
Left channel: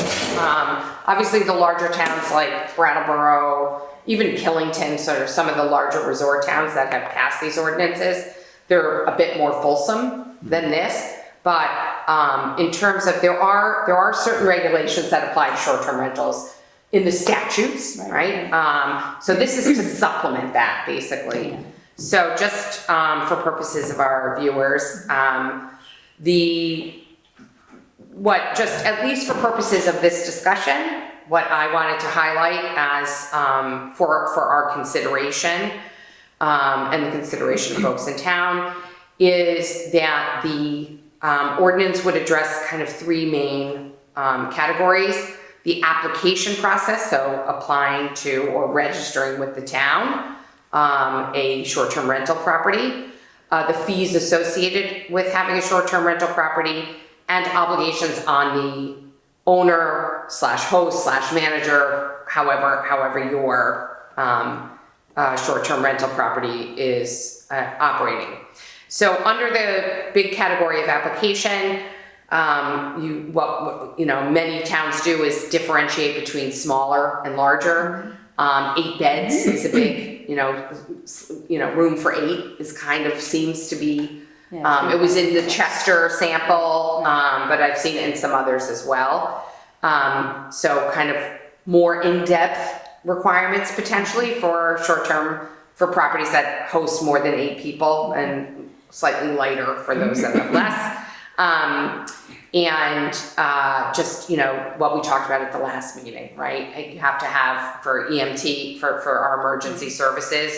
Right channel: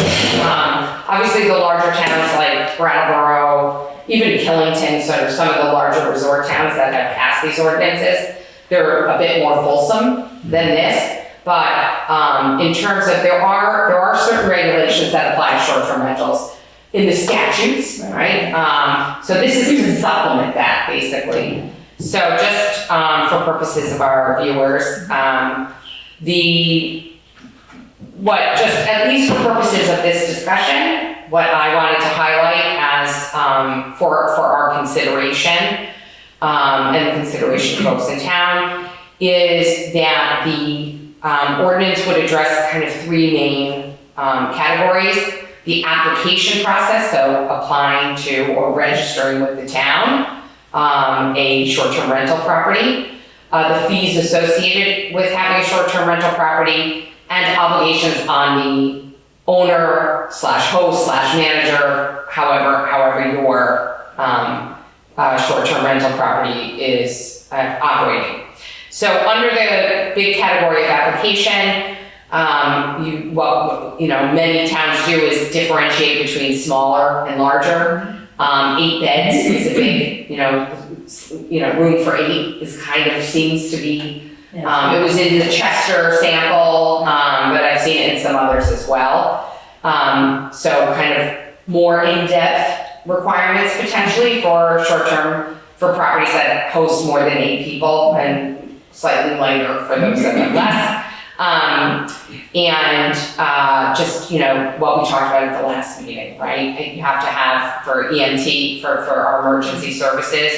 obviously the larger towns like Brattleboro, even Killington, sort of some of the larger resort towns that have passed these ordinances, they're a bit more fulsome than this. But in terms of, there are certain regulations that apply to short-term rentals in the statutes, right? So this is to supplement that, basically. So just for purposes of our viewers, at least for purposes of this discussion, what I wanted to highlight as for our consideration, and the consideration of folks in town, is that the ordinance would address kind of three main categories. The application process, so applying to or registering with the town a short-term rental property, the fees associated with having a short-term rental property, and obligations on the owner slash host slash manager, however your short-term rental property is operating. So under the big category of application, many towns do is differentiate between smaller and larger. 8 beds is a big, room for 8 is kind of seems to be. It was in the Chester sample, but I've seen it in some others as well. So kind of more in-depth requirements potentially for short-term, for properties that host more than 8 people, and slightly lighter for those that have less. Just, what we talked about at the last meeting, right? You have to have for EMT, for our emergency services,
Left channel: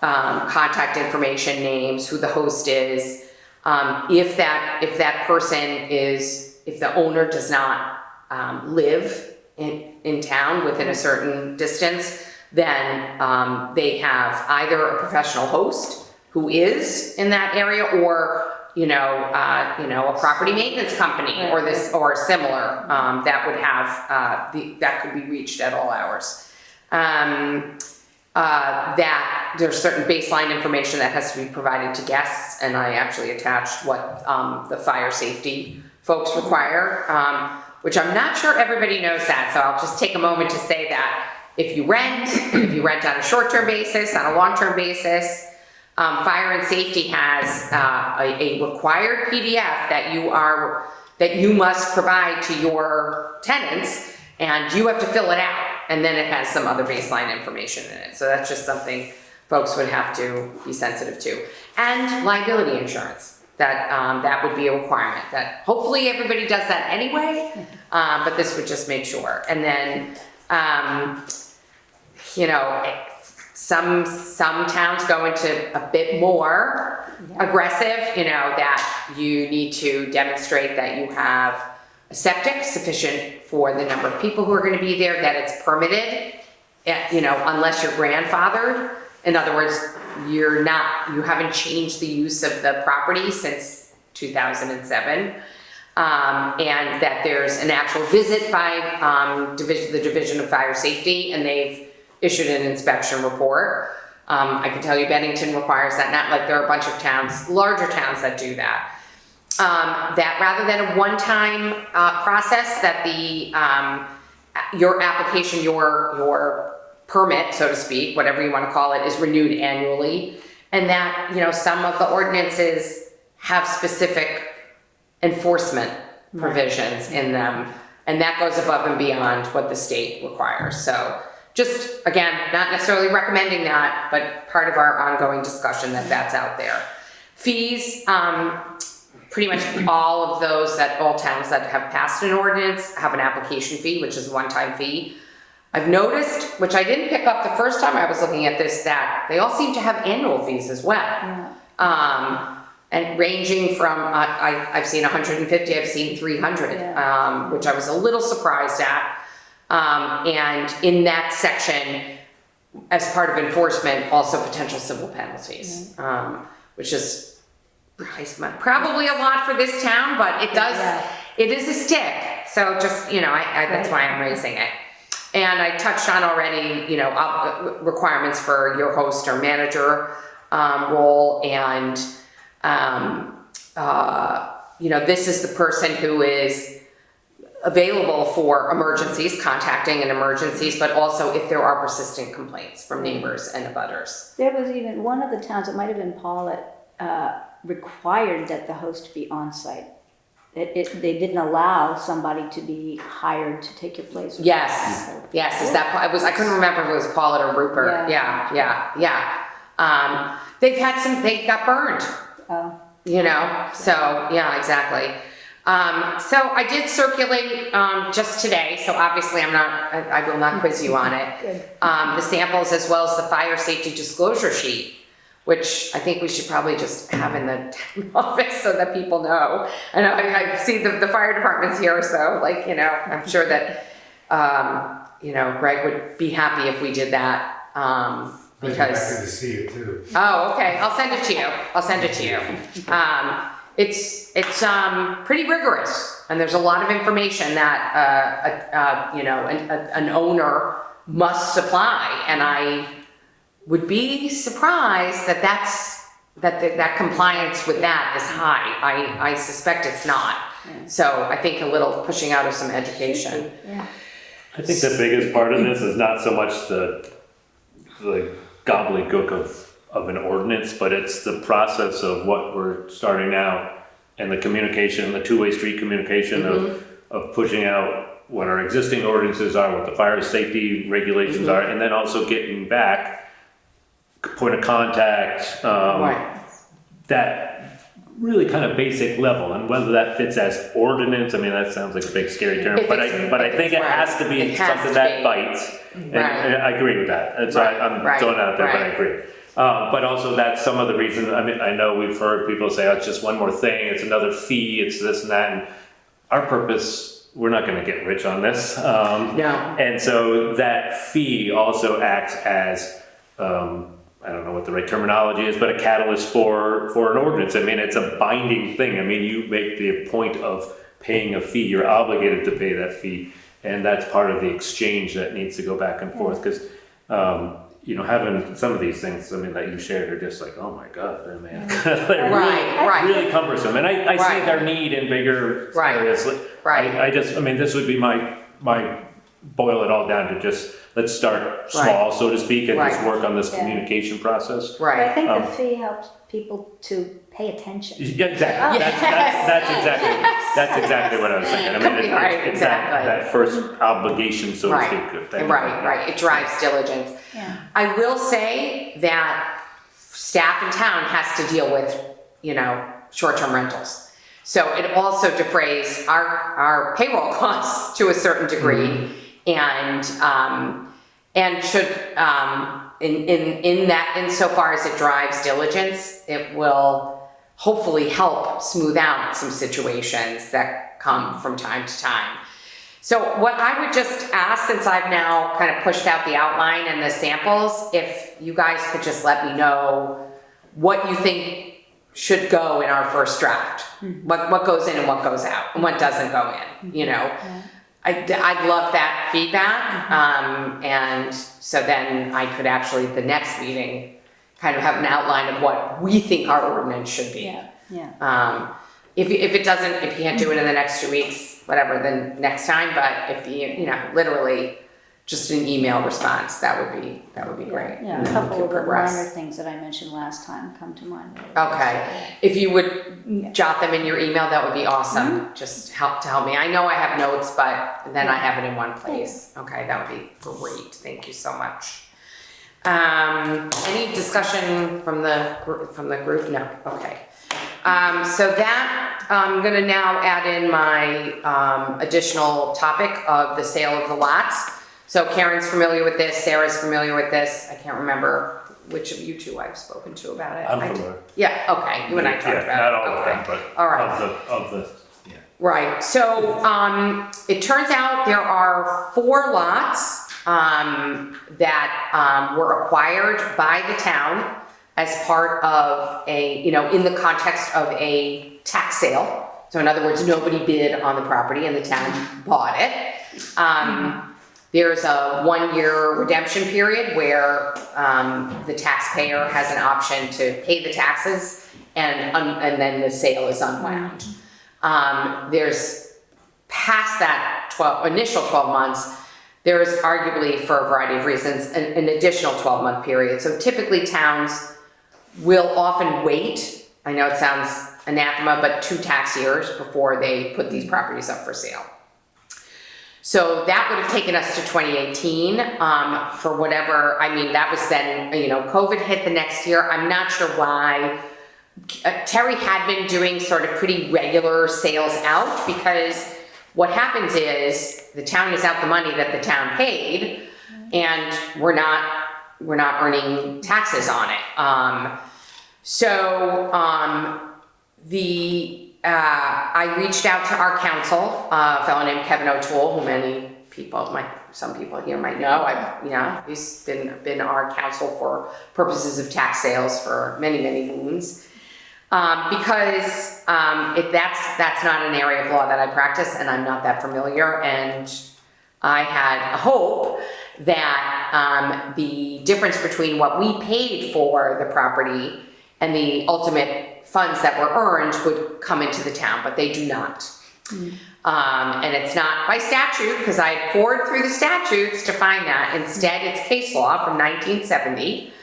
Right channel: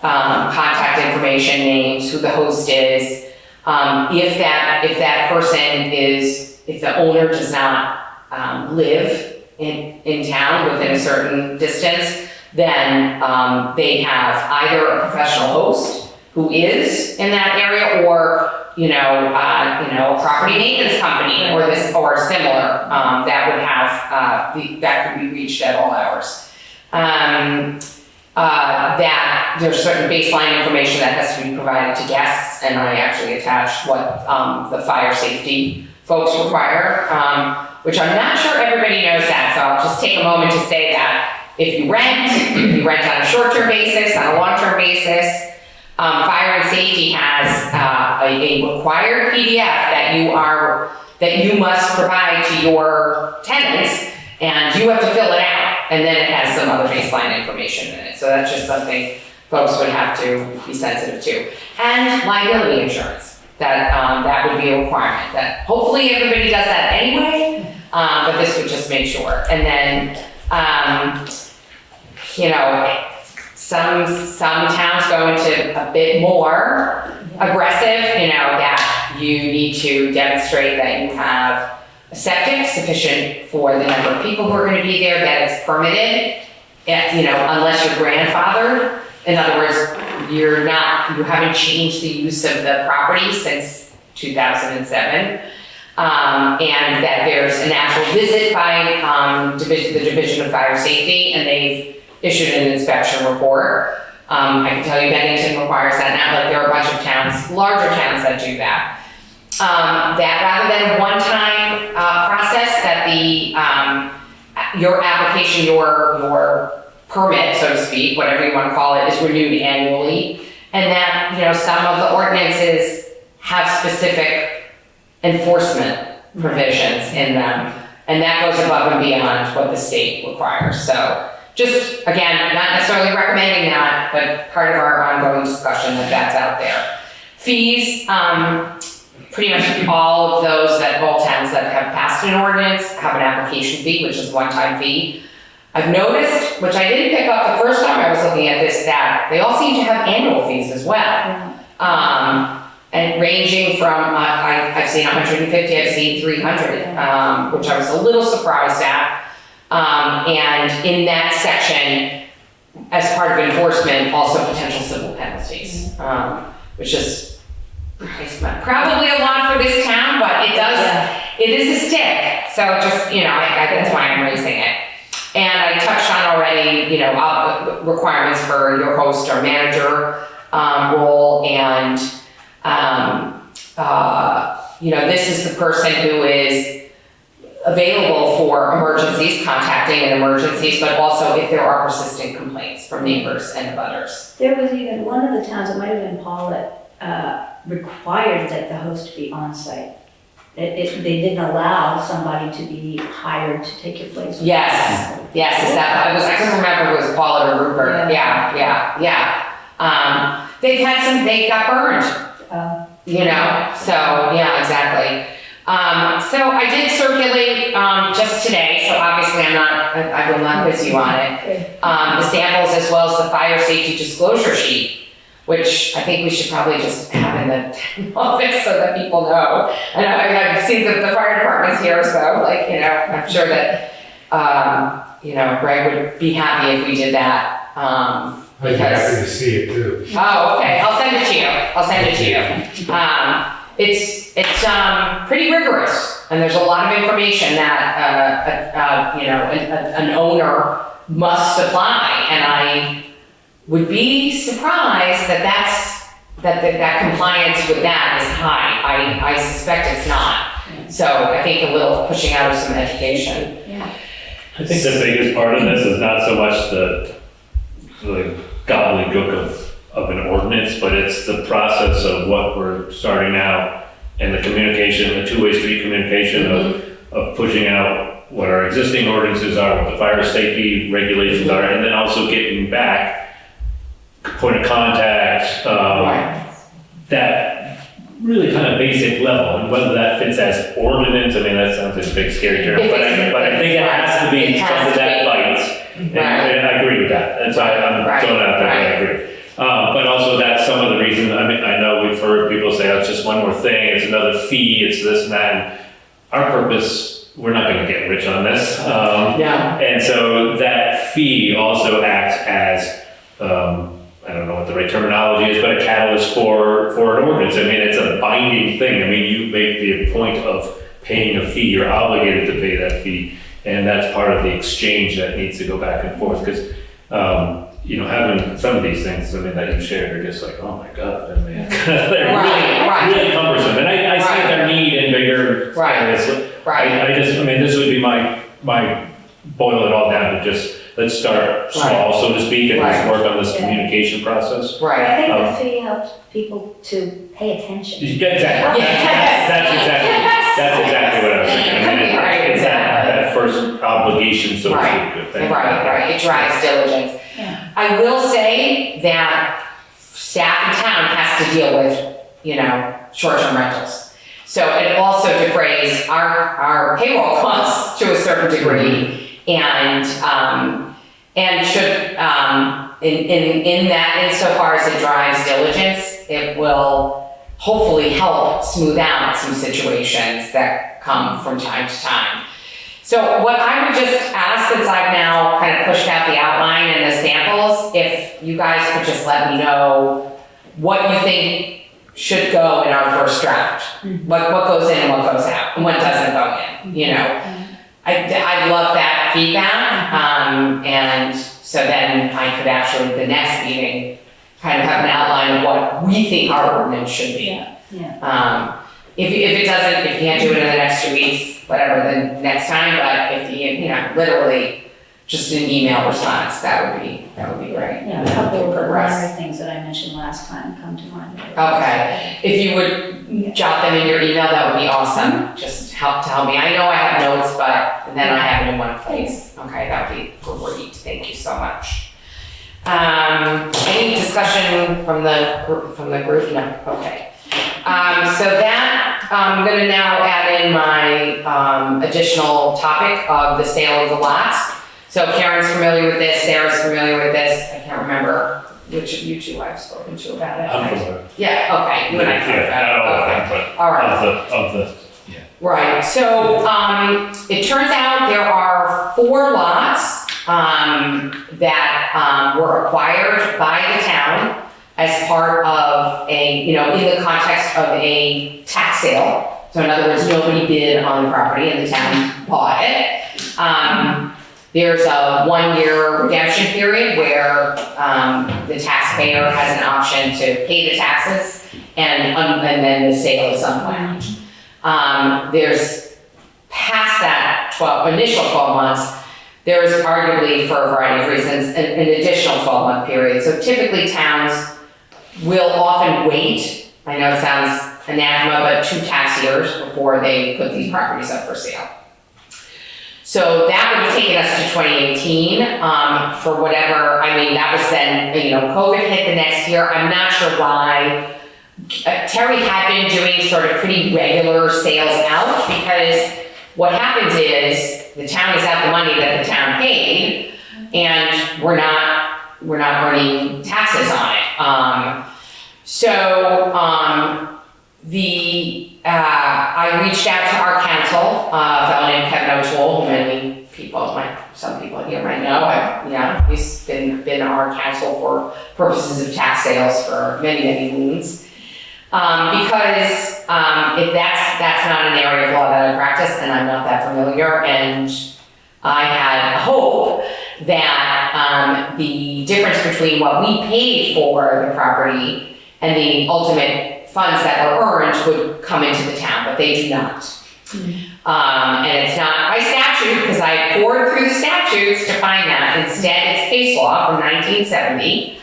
contact information, names, who the host is. If that person if the owner does not live in town within a certain distance, then they have either a professional host who is in that area, or a property maintenance company or similar that would have that could be reached at all hours. That there's certain baseline information that has to be provided to guests, and I actually attached what the fire safety folks require, which I'm not sure everybody knows that, so I'll just take a moment to say that if you rent on a short-term basis, on a long-term basis, fire and safety has a required PDF that you must provide to your tenants, and you have to fill it out, and then it has some other baseline information in it. So that's just something folks would have to be sensitive to. And liability insurance, that would be a requirement. That hopefully everybody does that anyway, but this would just make sure. And then, some towns go into a bit more aggressive, that you need to demonstrate that you have a septic sufficient for the number of people who are going to be there, that it's permitted, unless you're grandfathered. In other words, you haven't changed the use of the property since 2007. And that there's an actual visit by the Division of Fire Safety, and they've issued an inspection report. I can tell you Bennington requires that, not like there are a bunch of towns, larger towns that do that. That rather than a one-time process, that your application, your permit, so to speak, whatever you want to call it, is renewed annually, and that, you know, some of the ordinances have specific enforcement provisions in them, and that goes above and beyond what the state requires. So just, again, not necessarily recommending that, but part of our ongoing discussion that's out there. Fees, pretty much all of those all towns that have passed an ordinance have an application fee, which is a one-time fee. I've noticed, which I didn't pick up the first time I was looking at this, that they all seem to have annual fees as well. And ranging from, I've seen 150, I've seen 300, which I was a little surprised at. And in that section, as part of enforcement, also potential civil penalties, which is probably a lot for this town, but it is a stick. So just, you know, that's why I'm raising it. And I touched on already, you know, requirements for your host or manager role, and you know, this is the person who is available for emergencies, contacting in emergencies, but also if there are persistent complaints from neighbors and others. There was even one of the towns, it might have been Paulette, required that the host be on site. They didn't allow somebody to be hired to take your place. Yes, is that, I couldn't remember if it was Paulette or Rupert. Yeah. They got burned, you know, so, yeah, exactly. So I did circulate, just today, so obviously I will not quiz you on it, the samples as well as the fire safety disclosure sheet, which I think we should probably just have in the office so that people know. And I've seen the fire department's here, so like, you know, I'm sure that, you know, Greg would be happy if we did that, I'd be happy to see it too. Oh, okay, I'll send it to you. It's pretty rigorous, and there's a lot of information that, you know, an owner must supply, and I would be surprised that compliance with that is high. I suspect it's not. So I think a little pushing out of some education. Yeah. I think the biggest part of this is not so much the gobbledygook of an ordinance, but it's the process of what we're starting out and the communication, the two-way street communication of pushing out what our existing ordinances are, what the fire safety regulations are, and then also getting back point of contact, that really kind of basic level, and whether that fits as ordinance, I mean, that sounds like a big scary term, but I think it has to be something that bites, and I agree with that, and so I'm throwing it out there, but I agree. But also that's some of the reason, I mean, I know we've heard people say, oh, it's just one more thing, it's another fee, it's this and that, and our purpose, we're not gonna get rich on this. And so that fee also acts as, I don't know what the right terminology is, but a catalyst for an ordinance. I mean, it's a binding thing. I mean, you make the point of paying a fee, you're obligated to pay that fee, and that's part of the exchange that needs to go back and forth, because, you know, having some of these things, I mean, that you shared, you're just like, oh my God, man. They're really cumbersome, and I see their need in bigger areas. I mean, this would be my boil it all down to just, let's start small, so to speak, and just work on this communication process. I think the fee helps people to pay attention. Yeah, exactly. That's exactly what I was saying. I mean, it's that first obligation, so to speak. Right, it drives diligence. I will say that staff in town has to deal with, you know, short-term rentals. So it also defrays our payroll costs to a certain degree, and should, in that, insofar as it drives diligence, it will hopefully help smooth out some situations that come from time to time. So what I would just ask, since I've now kind of pushed out the outline and the samples, if you guys could just let me know what you think should go in our first draft. What goes in and what goes out, and what doesn't go in, you know? I love that feedback, and so then I could actually, the next meeting, kind of have an outline of what we think our ordinance should be. Yeah. If it doesn't, if you can't do it in the next 2 weeks, whatever, then next time, but if you know, literally just an email response, that would be great. Yeah, a couple of the primary things that I mentioned last time come to mind. Okay, if you would jot them in your email, that would be awesome, just tell me. I know I have notes, but then I have it in one place. Okay, that would be great, thank you so much. Any discussion from the group? No, okay. So that, I'm gonna now add in my additional topic of the sale of the lots. So Karen's familiar with this, Sarah's familiar with this, I can't remember which of you two I've spoken to about it. I'm from the, Yeah, okay, you and I talked about it. Okay. All right. of the, Right, so it turns out there are 4 lots that were acquired by the town as part of a, you know, in the context of a tax sale. So in other words, nobody bid on the property and the town bought it. There's a 1-year redemption period where the taxpayer has an option to pay the taxes and then the sale is unwound. There's past that initial 12 months, there's arguably, for a variety of reasons, an additional 12-month period. So typically towns will often wait, I know it sounds anathema, but 2 tax years before they put these properties up for sale. So that would have taken us to 2018 for whatever, I mean, that was then, you know, COVID hit the next year. I'm not sure why. Terry had been doing sort of pretty regular sales out, because what happens is the town is out the money that the town paid, and we're not earning taxes on it. I reached out to our counsel, a fellow named Kevin O'Toole, who many people, some people here might know. He's been our counsel for purposes of tax sales for many, many moons. Because if that's not an area of law that I practice, and I'm not that familiar, and I had a hope that the difference between what we paid for the property and the ultimate funds that were earned would come into the town, but they do not. And it's not by statute, because I poured through the statutes to find that. Instead, it's case law from 1970,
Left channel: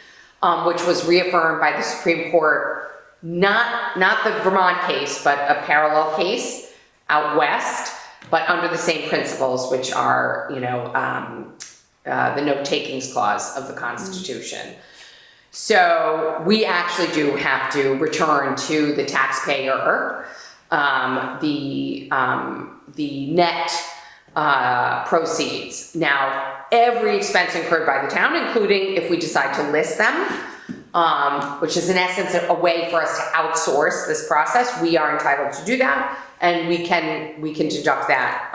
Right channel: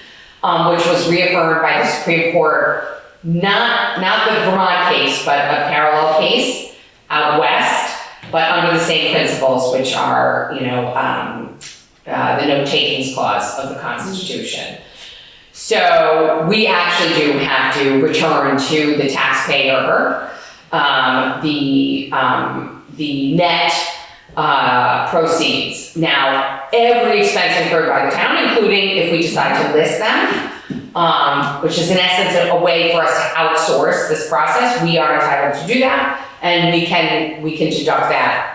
which was reaffirmed by the Supreme Court. Not the Vermont case, but a parallel case out west, but under the same principles, which are, you know, the no takings clause of the Constitution. So we actually do have to return to the taxpayer the net proceeds. Now, every expense incurred by the town, including if we decide to list them, which is in essence a way for us to outsource this process. We are entitled to do that, and we can deduct that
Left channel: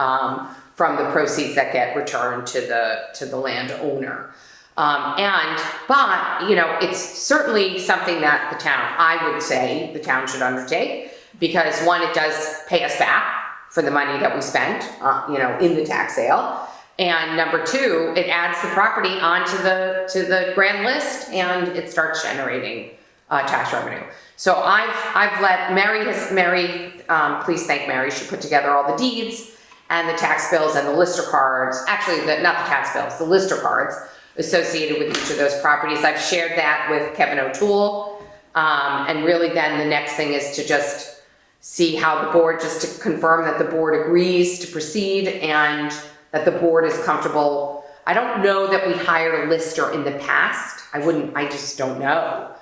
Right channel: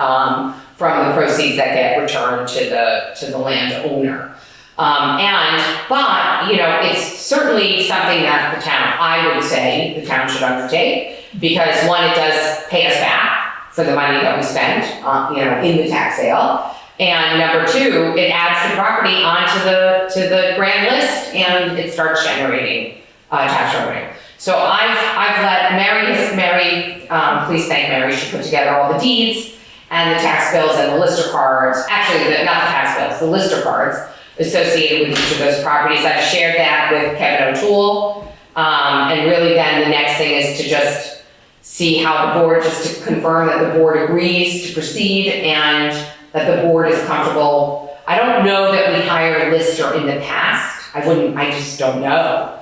from the proceeds that get returned to the landowner. But you know, it's certainly something that the town, I would say, the town should undertake, because one, it does pay us back for the money that we spent, you know, in the tax sale. And number 2, it adds the property onto the grand list, and it starts generating tax revenue. So I've let Mary, please thank Mary, she put together all the deeds and the tax bills and the lister cards, actually not the tax bills, the lister cards associated with each of those properties. I've shared that with Kevin O'Toole, and really then the next thing is to just see how the board, just to confirm that the board agrees to proceed and that the board is comfortable. I don't know that we hired a lister in the past. I just don't know.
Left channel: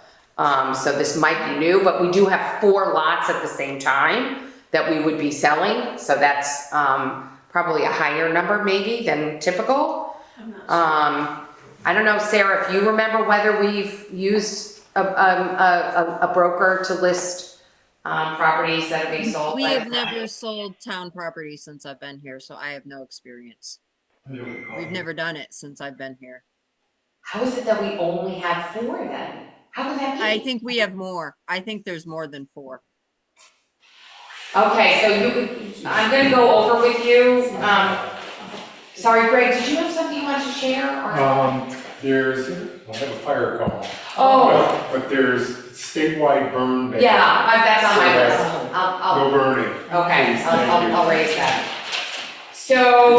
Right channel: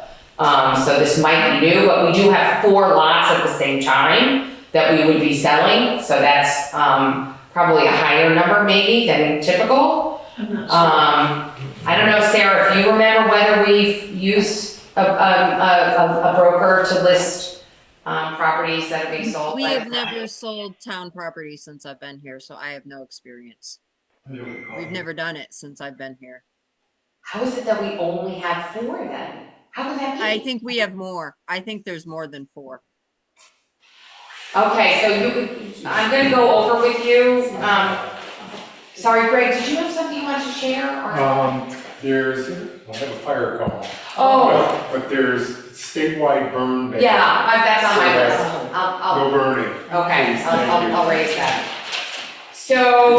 So this might be new, but we do have 4 lots at the same time that we would be selling. So that's probably a higher number maybe than typical. I'm not sure. I don't know, Sarah, if you remember whether we've used a broker to list properties that are being sold. We have never sold town property since I've been here, so I have no experience. We've never done it since I've been here. How is it that we only have 4 then? How could that be? I think we have more. I think there's more than 4. Okay, so I'm gonna go over with you, sorry, Greg, did you have something you wanted to share, or? I have a fire call. Oh, But there's statewide burn ban. yeah, that's on my So list, I'll, No burning. okay, Please, thank you. I'll raise that. So,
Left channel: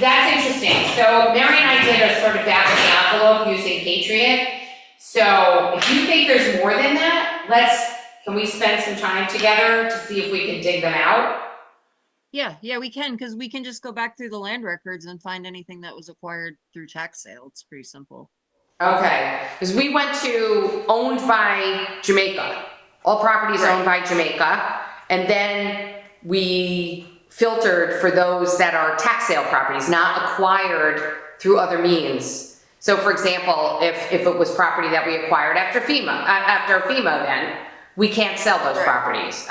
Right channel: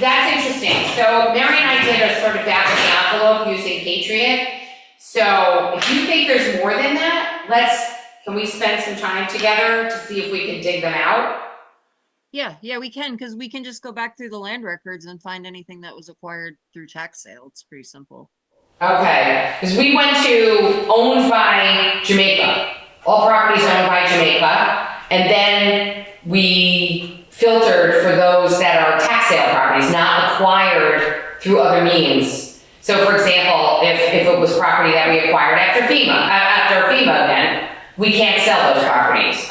that's interesting, so Mary and I did a sort of back of the envelope using Patriot. So, if you think there's more than that, can we spend some time together to see if we can dig them out? Yeah, we can, because we can just go back through the land records and find anything that was acquired through tax sale. It's pretty simple. Okay, because we went to owned by Jamaica, all properties owned by Jamaica, and then we filtered for those that are tax sale properties, not acquired through other means. So for example, if it was property that we acquired after FEMA, then we can't sell those properties.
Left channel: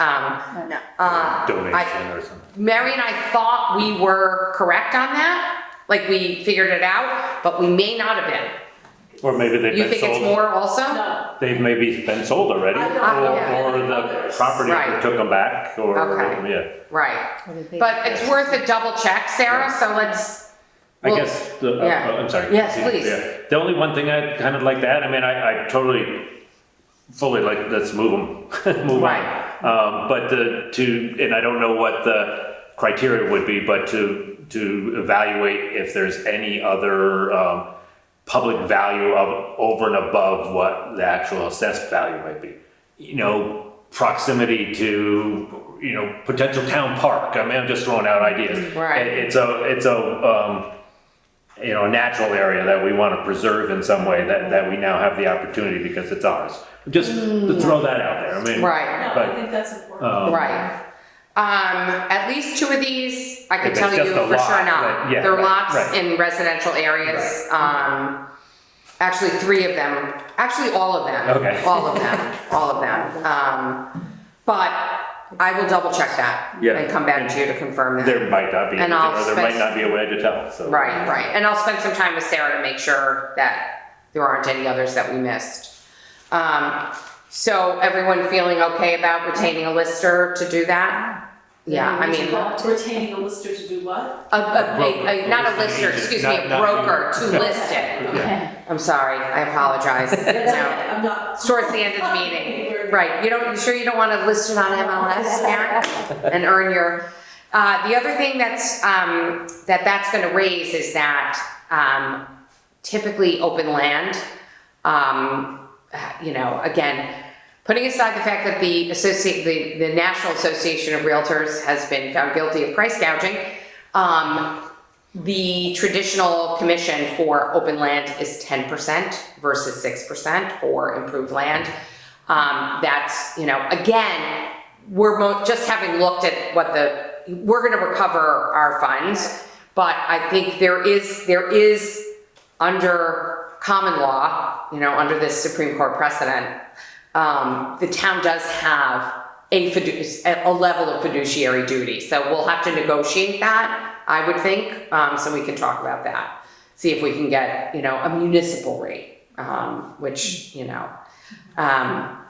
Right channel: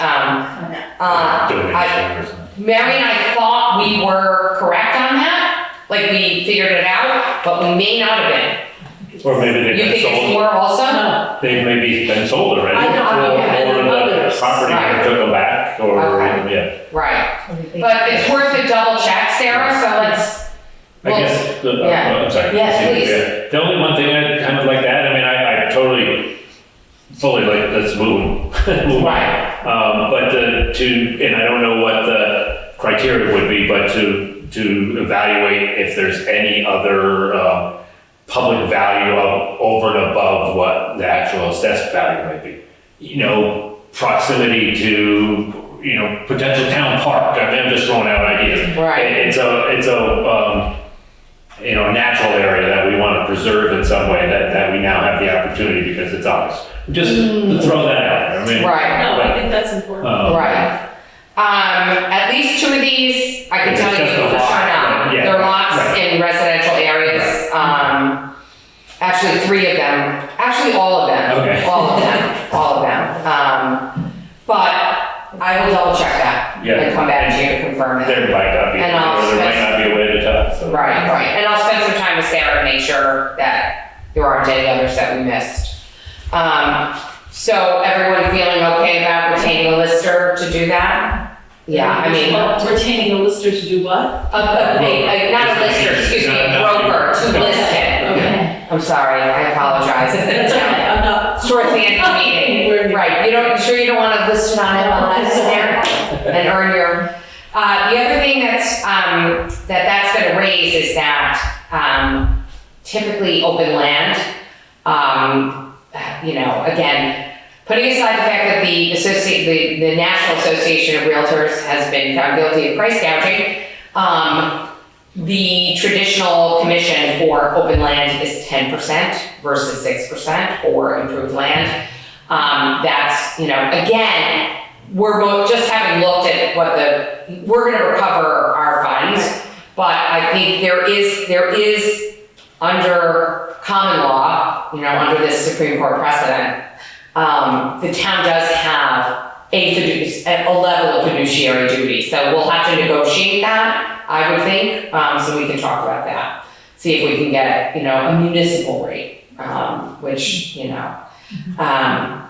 Mary and I thought we were correct on that, like we figured it out, but we may not have been. Or maybe You they've been think it's sold, more also? No, they've maybe been sold already. I don't know. Or the Others. property Right. took them back, or, Okay. yeah. Right, but it's worth a double check, Sarah, so let's, I well, guess, yeah. I'm sorry. Yes, please. Yeah. The only one thing I'd kind of like to add, I mean, I totally, fully like, let's move on. Right. But and I don't know what the criteria would be, but to evaluate if there's any other, public value over and above what the actual assessed value might be. You know, proximity to, potential town park. I mean, I'm just throwing out ideas. Right. It's a natural area that we want to preserve in some way, that we now have the opportunity because it's ours. Just to throw that out there. I mean, right, no, I think that's important. right. At least 2 of these, I can It's tell you just a for lot, sure not. yeah, There are lots right. in residential areas, actually 3 of them, actually all of them. Okay. All of them. But I will double check that Yeah. and come back to you to confirm that. There might not be, And I'll or there might not be a way to tell, so. Right, and I'll spend some time with Sarah to make sure that there aren't any others that we missed. So everyone feeling okay about retaining a lister to do that? Yeah, I mean, Retaining a lister to do what? not a lister, excuse me, a broker to list it. Okay. I'm sorry, I apologize. That's okay, I'm not. It's towards the end of the meeting. Right, you don't want to list it on MLS there and earn your, the other thing that's gonna raise is that, typically open land, again, putting aside the fact that the National Association of Realtors has been found guilty of price gouging, the traditional commission for open land is 10% versus 6% for improved land. That's, again, we're just having looked at we're gonna recover our funds, but I think there is under common law, under this Supreme Court precedent, the town does have a level of fiduciary duty, so we'll have to negotiate that, I would think, so we can talk about that. See if we can get, a municipal rate, which,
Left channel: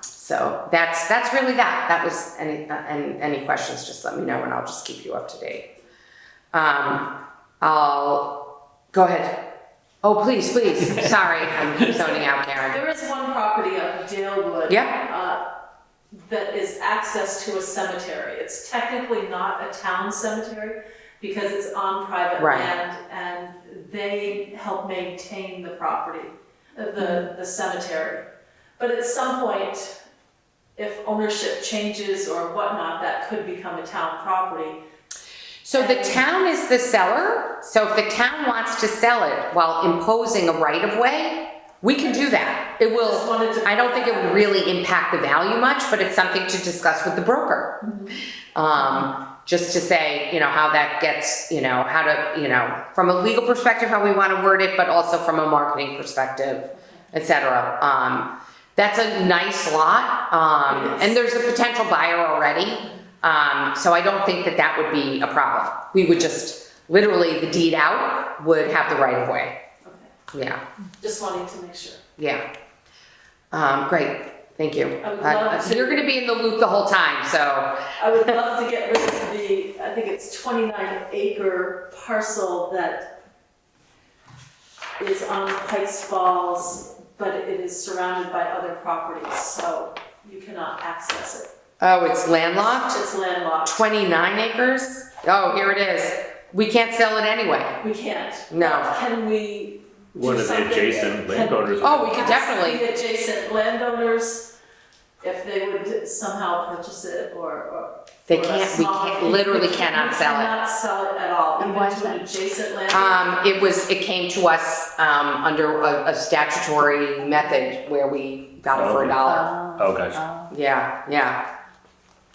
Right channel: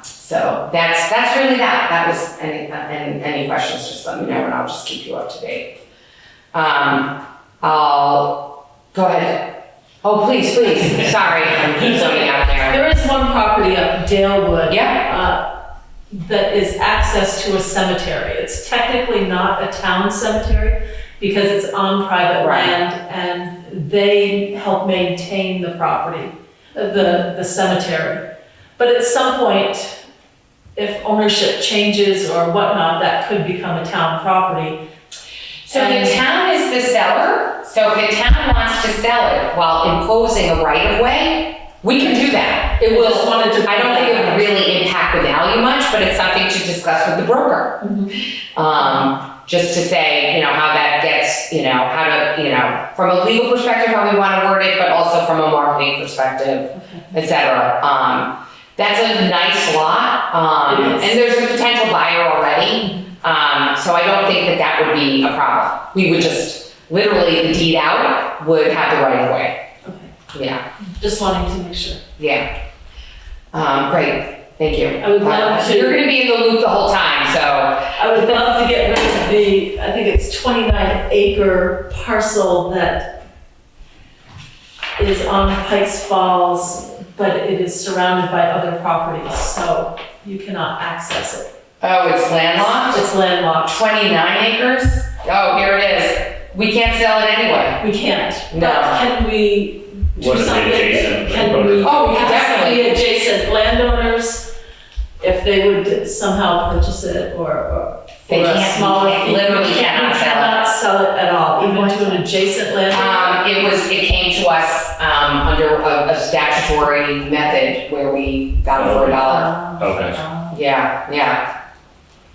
so that's really that. That was any questions, just let me know and I'll just keep you up to date. I'll go ahead. Oh, please, sorry, I'm zoning out there. There is one property up Dalewood. Yeah. That is access to a cemetery. It's technically not a town cemetery because it's on private Right. land and they help maintain the property, the cemetery. But at some point, if ownership changes or whatnot, that could become a town property. So the town is the seller, so if the town wants to sell it while imposing a right of way, we can do that. It will, I don't think it would really impact the value much, but it's something to discuss with the broker. Just to say, how that gets, how to, from a legal perspective, how we want to word it, but also from a marketing perspective, et cetera. That's a nice lot, and there's a potential buyer already. So I don't think that would be a problem. We would just, literally, the deed out would have the right of way. Okay. Yeah, Just wanting to make sure. yeah. Great, thank you. I would love to- You're gonna be in the loop the whole time, so. I would love to get rid of the, I think it's 29-acre parcel that is on Pikes Falls, but it is surrounded by other properties, so you cannot access it. Oh, it's landlocked? It's landlocked. 29 acres? Oh, here it is. We can't sell it anyway. We can't. No. But can we do What are the something? adjacent Can landowners? we? Oh, we can ask definitely. the adjacent landowners if they would somehow purchase it or They for a can't, smaller we fee. literally We cannot sell it. cannot sell it at all, even to an adjacent landowner. It came to us, under a statutory method where we got it for $1. Okay.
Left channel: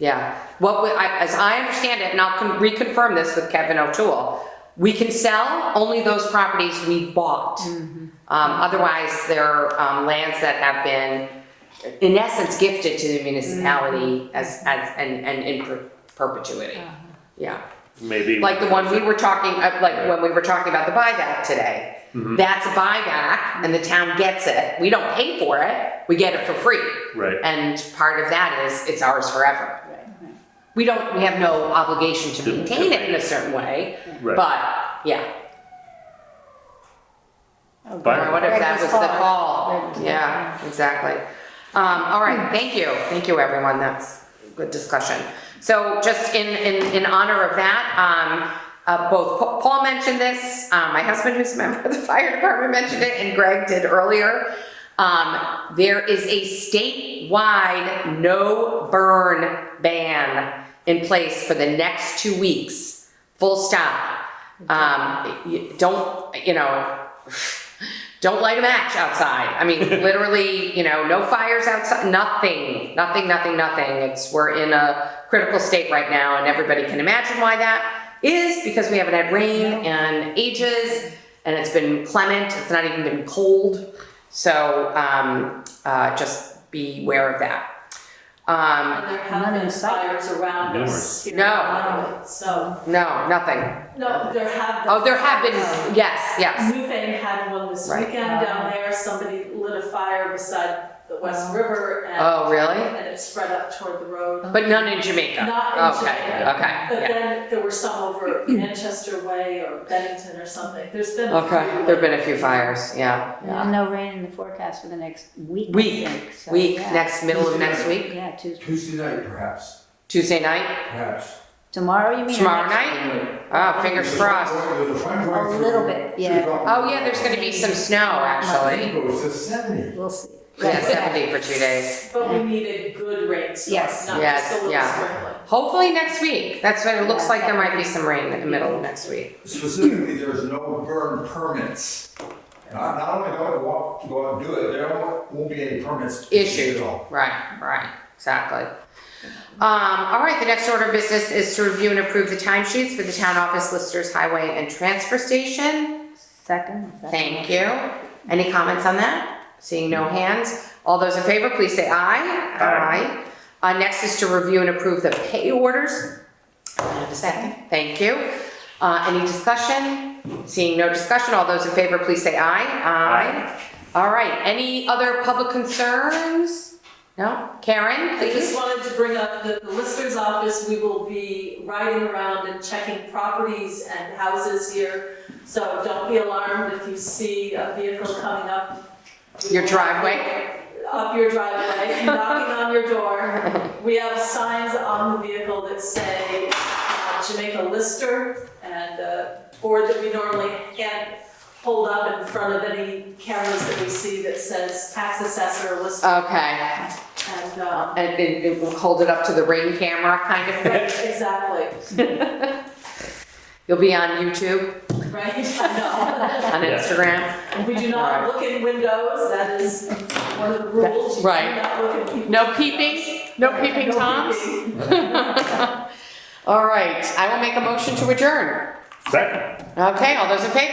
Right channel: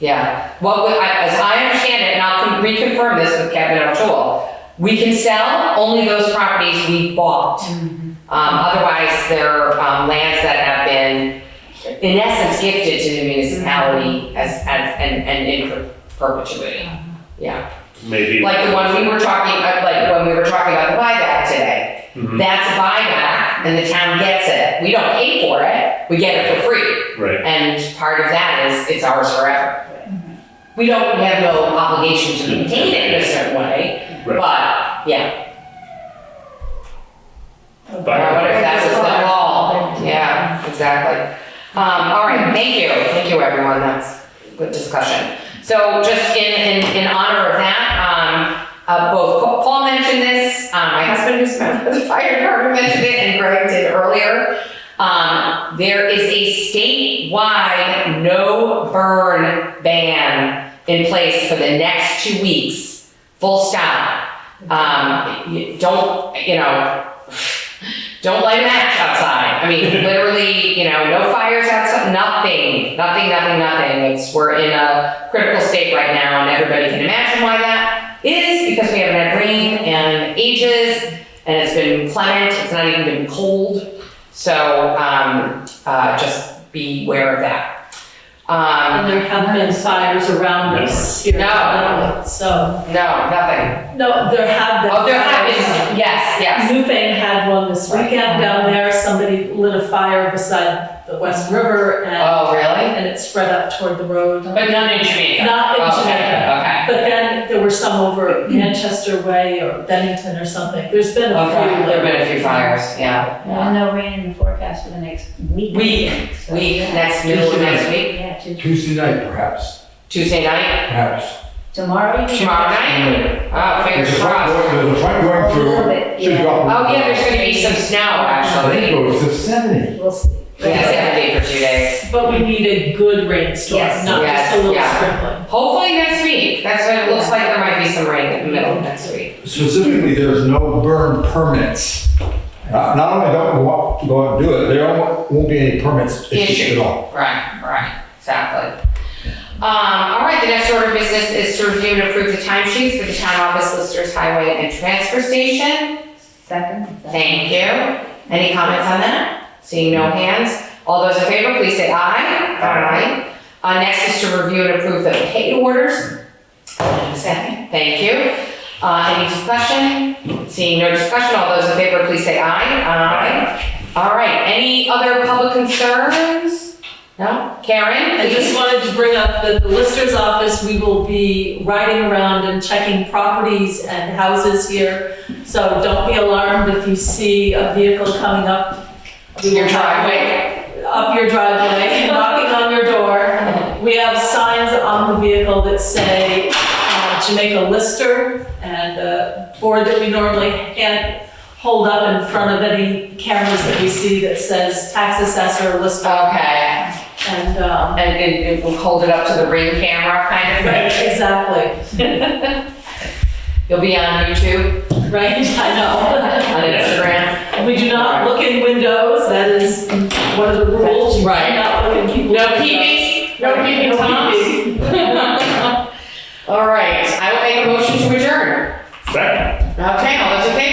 Yeah. Well, as I understand it, and I'll reconfirm this with Kevin O'Toole, we can sell only those properties we bought. Otherwise, they're lands that have been, in essence, gifted to the municipality and in perpetuity. Yeah. Maybe. Like the one we were talking, like when we were talking about the buyback today. Mhm. That's a buyback and the town gets it. We don't pay for it, we get it for free. Right. And part of that is it's ours forever. We have no obligation to maintain it in a certain way, Right. but yeah. But- What if that was the law? Yeah, exactly. All right, thank you everyone, that's good discussion. So just in honor of that, both Paul mentioned this, my husband who's a member of the fire department mentioned it, and Greg did earlier. There is a statewide no burn ban in place for the next 2 weeks, full stop. Don't light a match outside. I mean, literally, no fires outside, nothing. We're in a critical state right now, and everybody can imagine why that is, because we haven't had rain and ages, and it's been clement, it's not even been cold. So, just be aware of that. And there have been fires around us here. No. So, No, nothing. no, there have been. Oh, there have fires. been, yes. Newfane had one this weekend down there. Somebody lit a fire beside the West River Oh, really? and it spread up toward the road. But none in Jamaica? Not in Okay, Jamaica. okay. But then there were some over Manchester Way or Bennington or something. There's been a few. Okay, there've been a few fires, yeah. And no rain in the forecast for the next week. So, yeah. Next middle of next week, Yeah, Tuesday. Tuesday night, perhaps, Tuesday night, perhaps. Tomorrow you. tomorrow night? Oh, fingers crossed. There's a front going A little through. bit, Should yeah. drop. Oh, yeah, there's gonna be some snow, I think actually. it goes to 70. We'll see. It's 70 for 2 days. But we need a good rainstorm, Yes. not Yes, just a little yeah. sprinkling. Hopefully next week. That's what it looks like, there might be some rain in the middle of next week. Specifically, there's no burn permits. Not only don't we go and do it, there won't be any permits issued at all. Right, exactly. All right, the next order of business is to review and approve the timesheets for the town office, listers, highway, and transfer station. Second. Thank you. Any comments on that? Seeing no hands. All those in favor, please say aye. Aye. Next is to review and approve the pay orders. Second. Thank you. Any discussion? Seeing no discussion, all those in favor, please say aye. All right, any other public concerns? No? Karen? I just wanted to bring up that the Lister's office, we will be riding around and checking properties and houses here. So don't be alarmed if you see a vehicle coming up. Your driveway? Up your driveway, knocking on your door. We have signs on the vehicle that say Jamaica Lister, and a board that we normally can't hold up in front of any cameras that we see that says tax assessor Lister. Okay. And, And it will hold it up to the ring camera kind of thing? exactly. You'll be on YouTube, Right, I know. on Instagram? We do not look in windows, that is one of the rules. You Right. cannot look in people's No windows. peeping? No peeping No toms? peeping. All right, I will make a motion to adjourn. Second. Okay, all those in favor?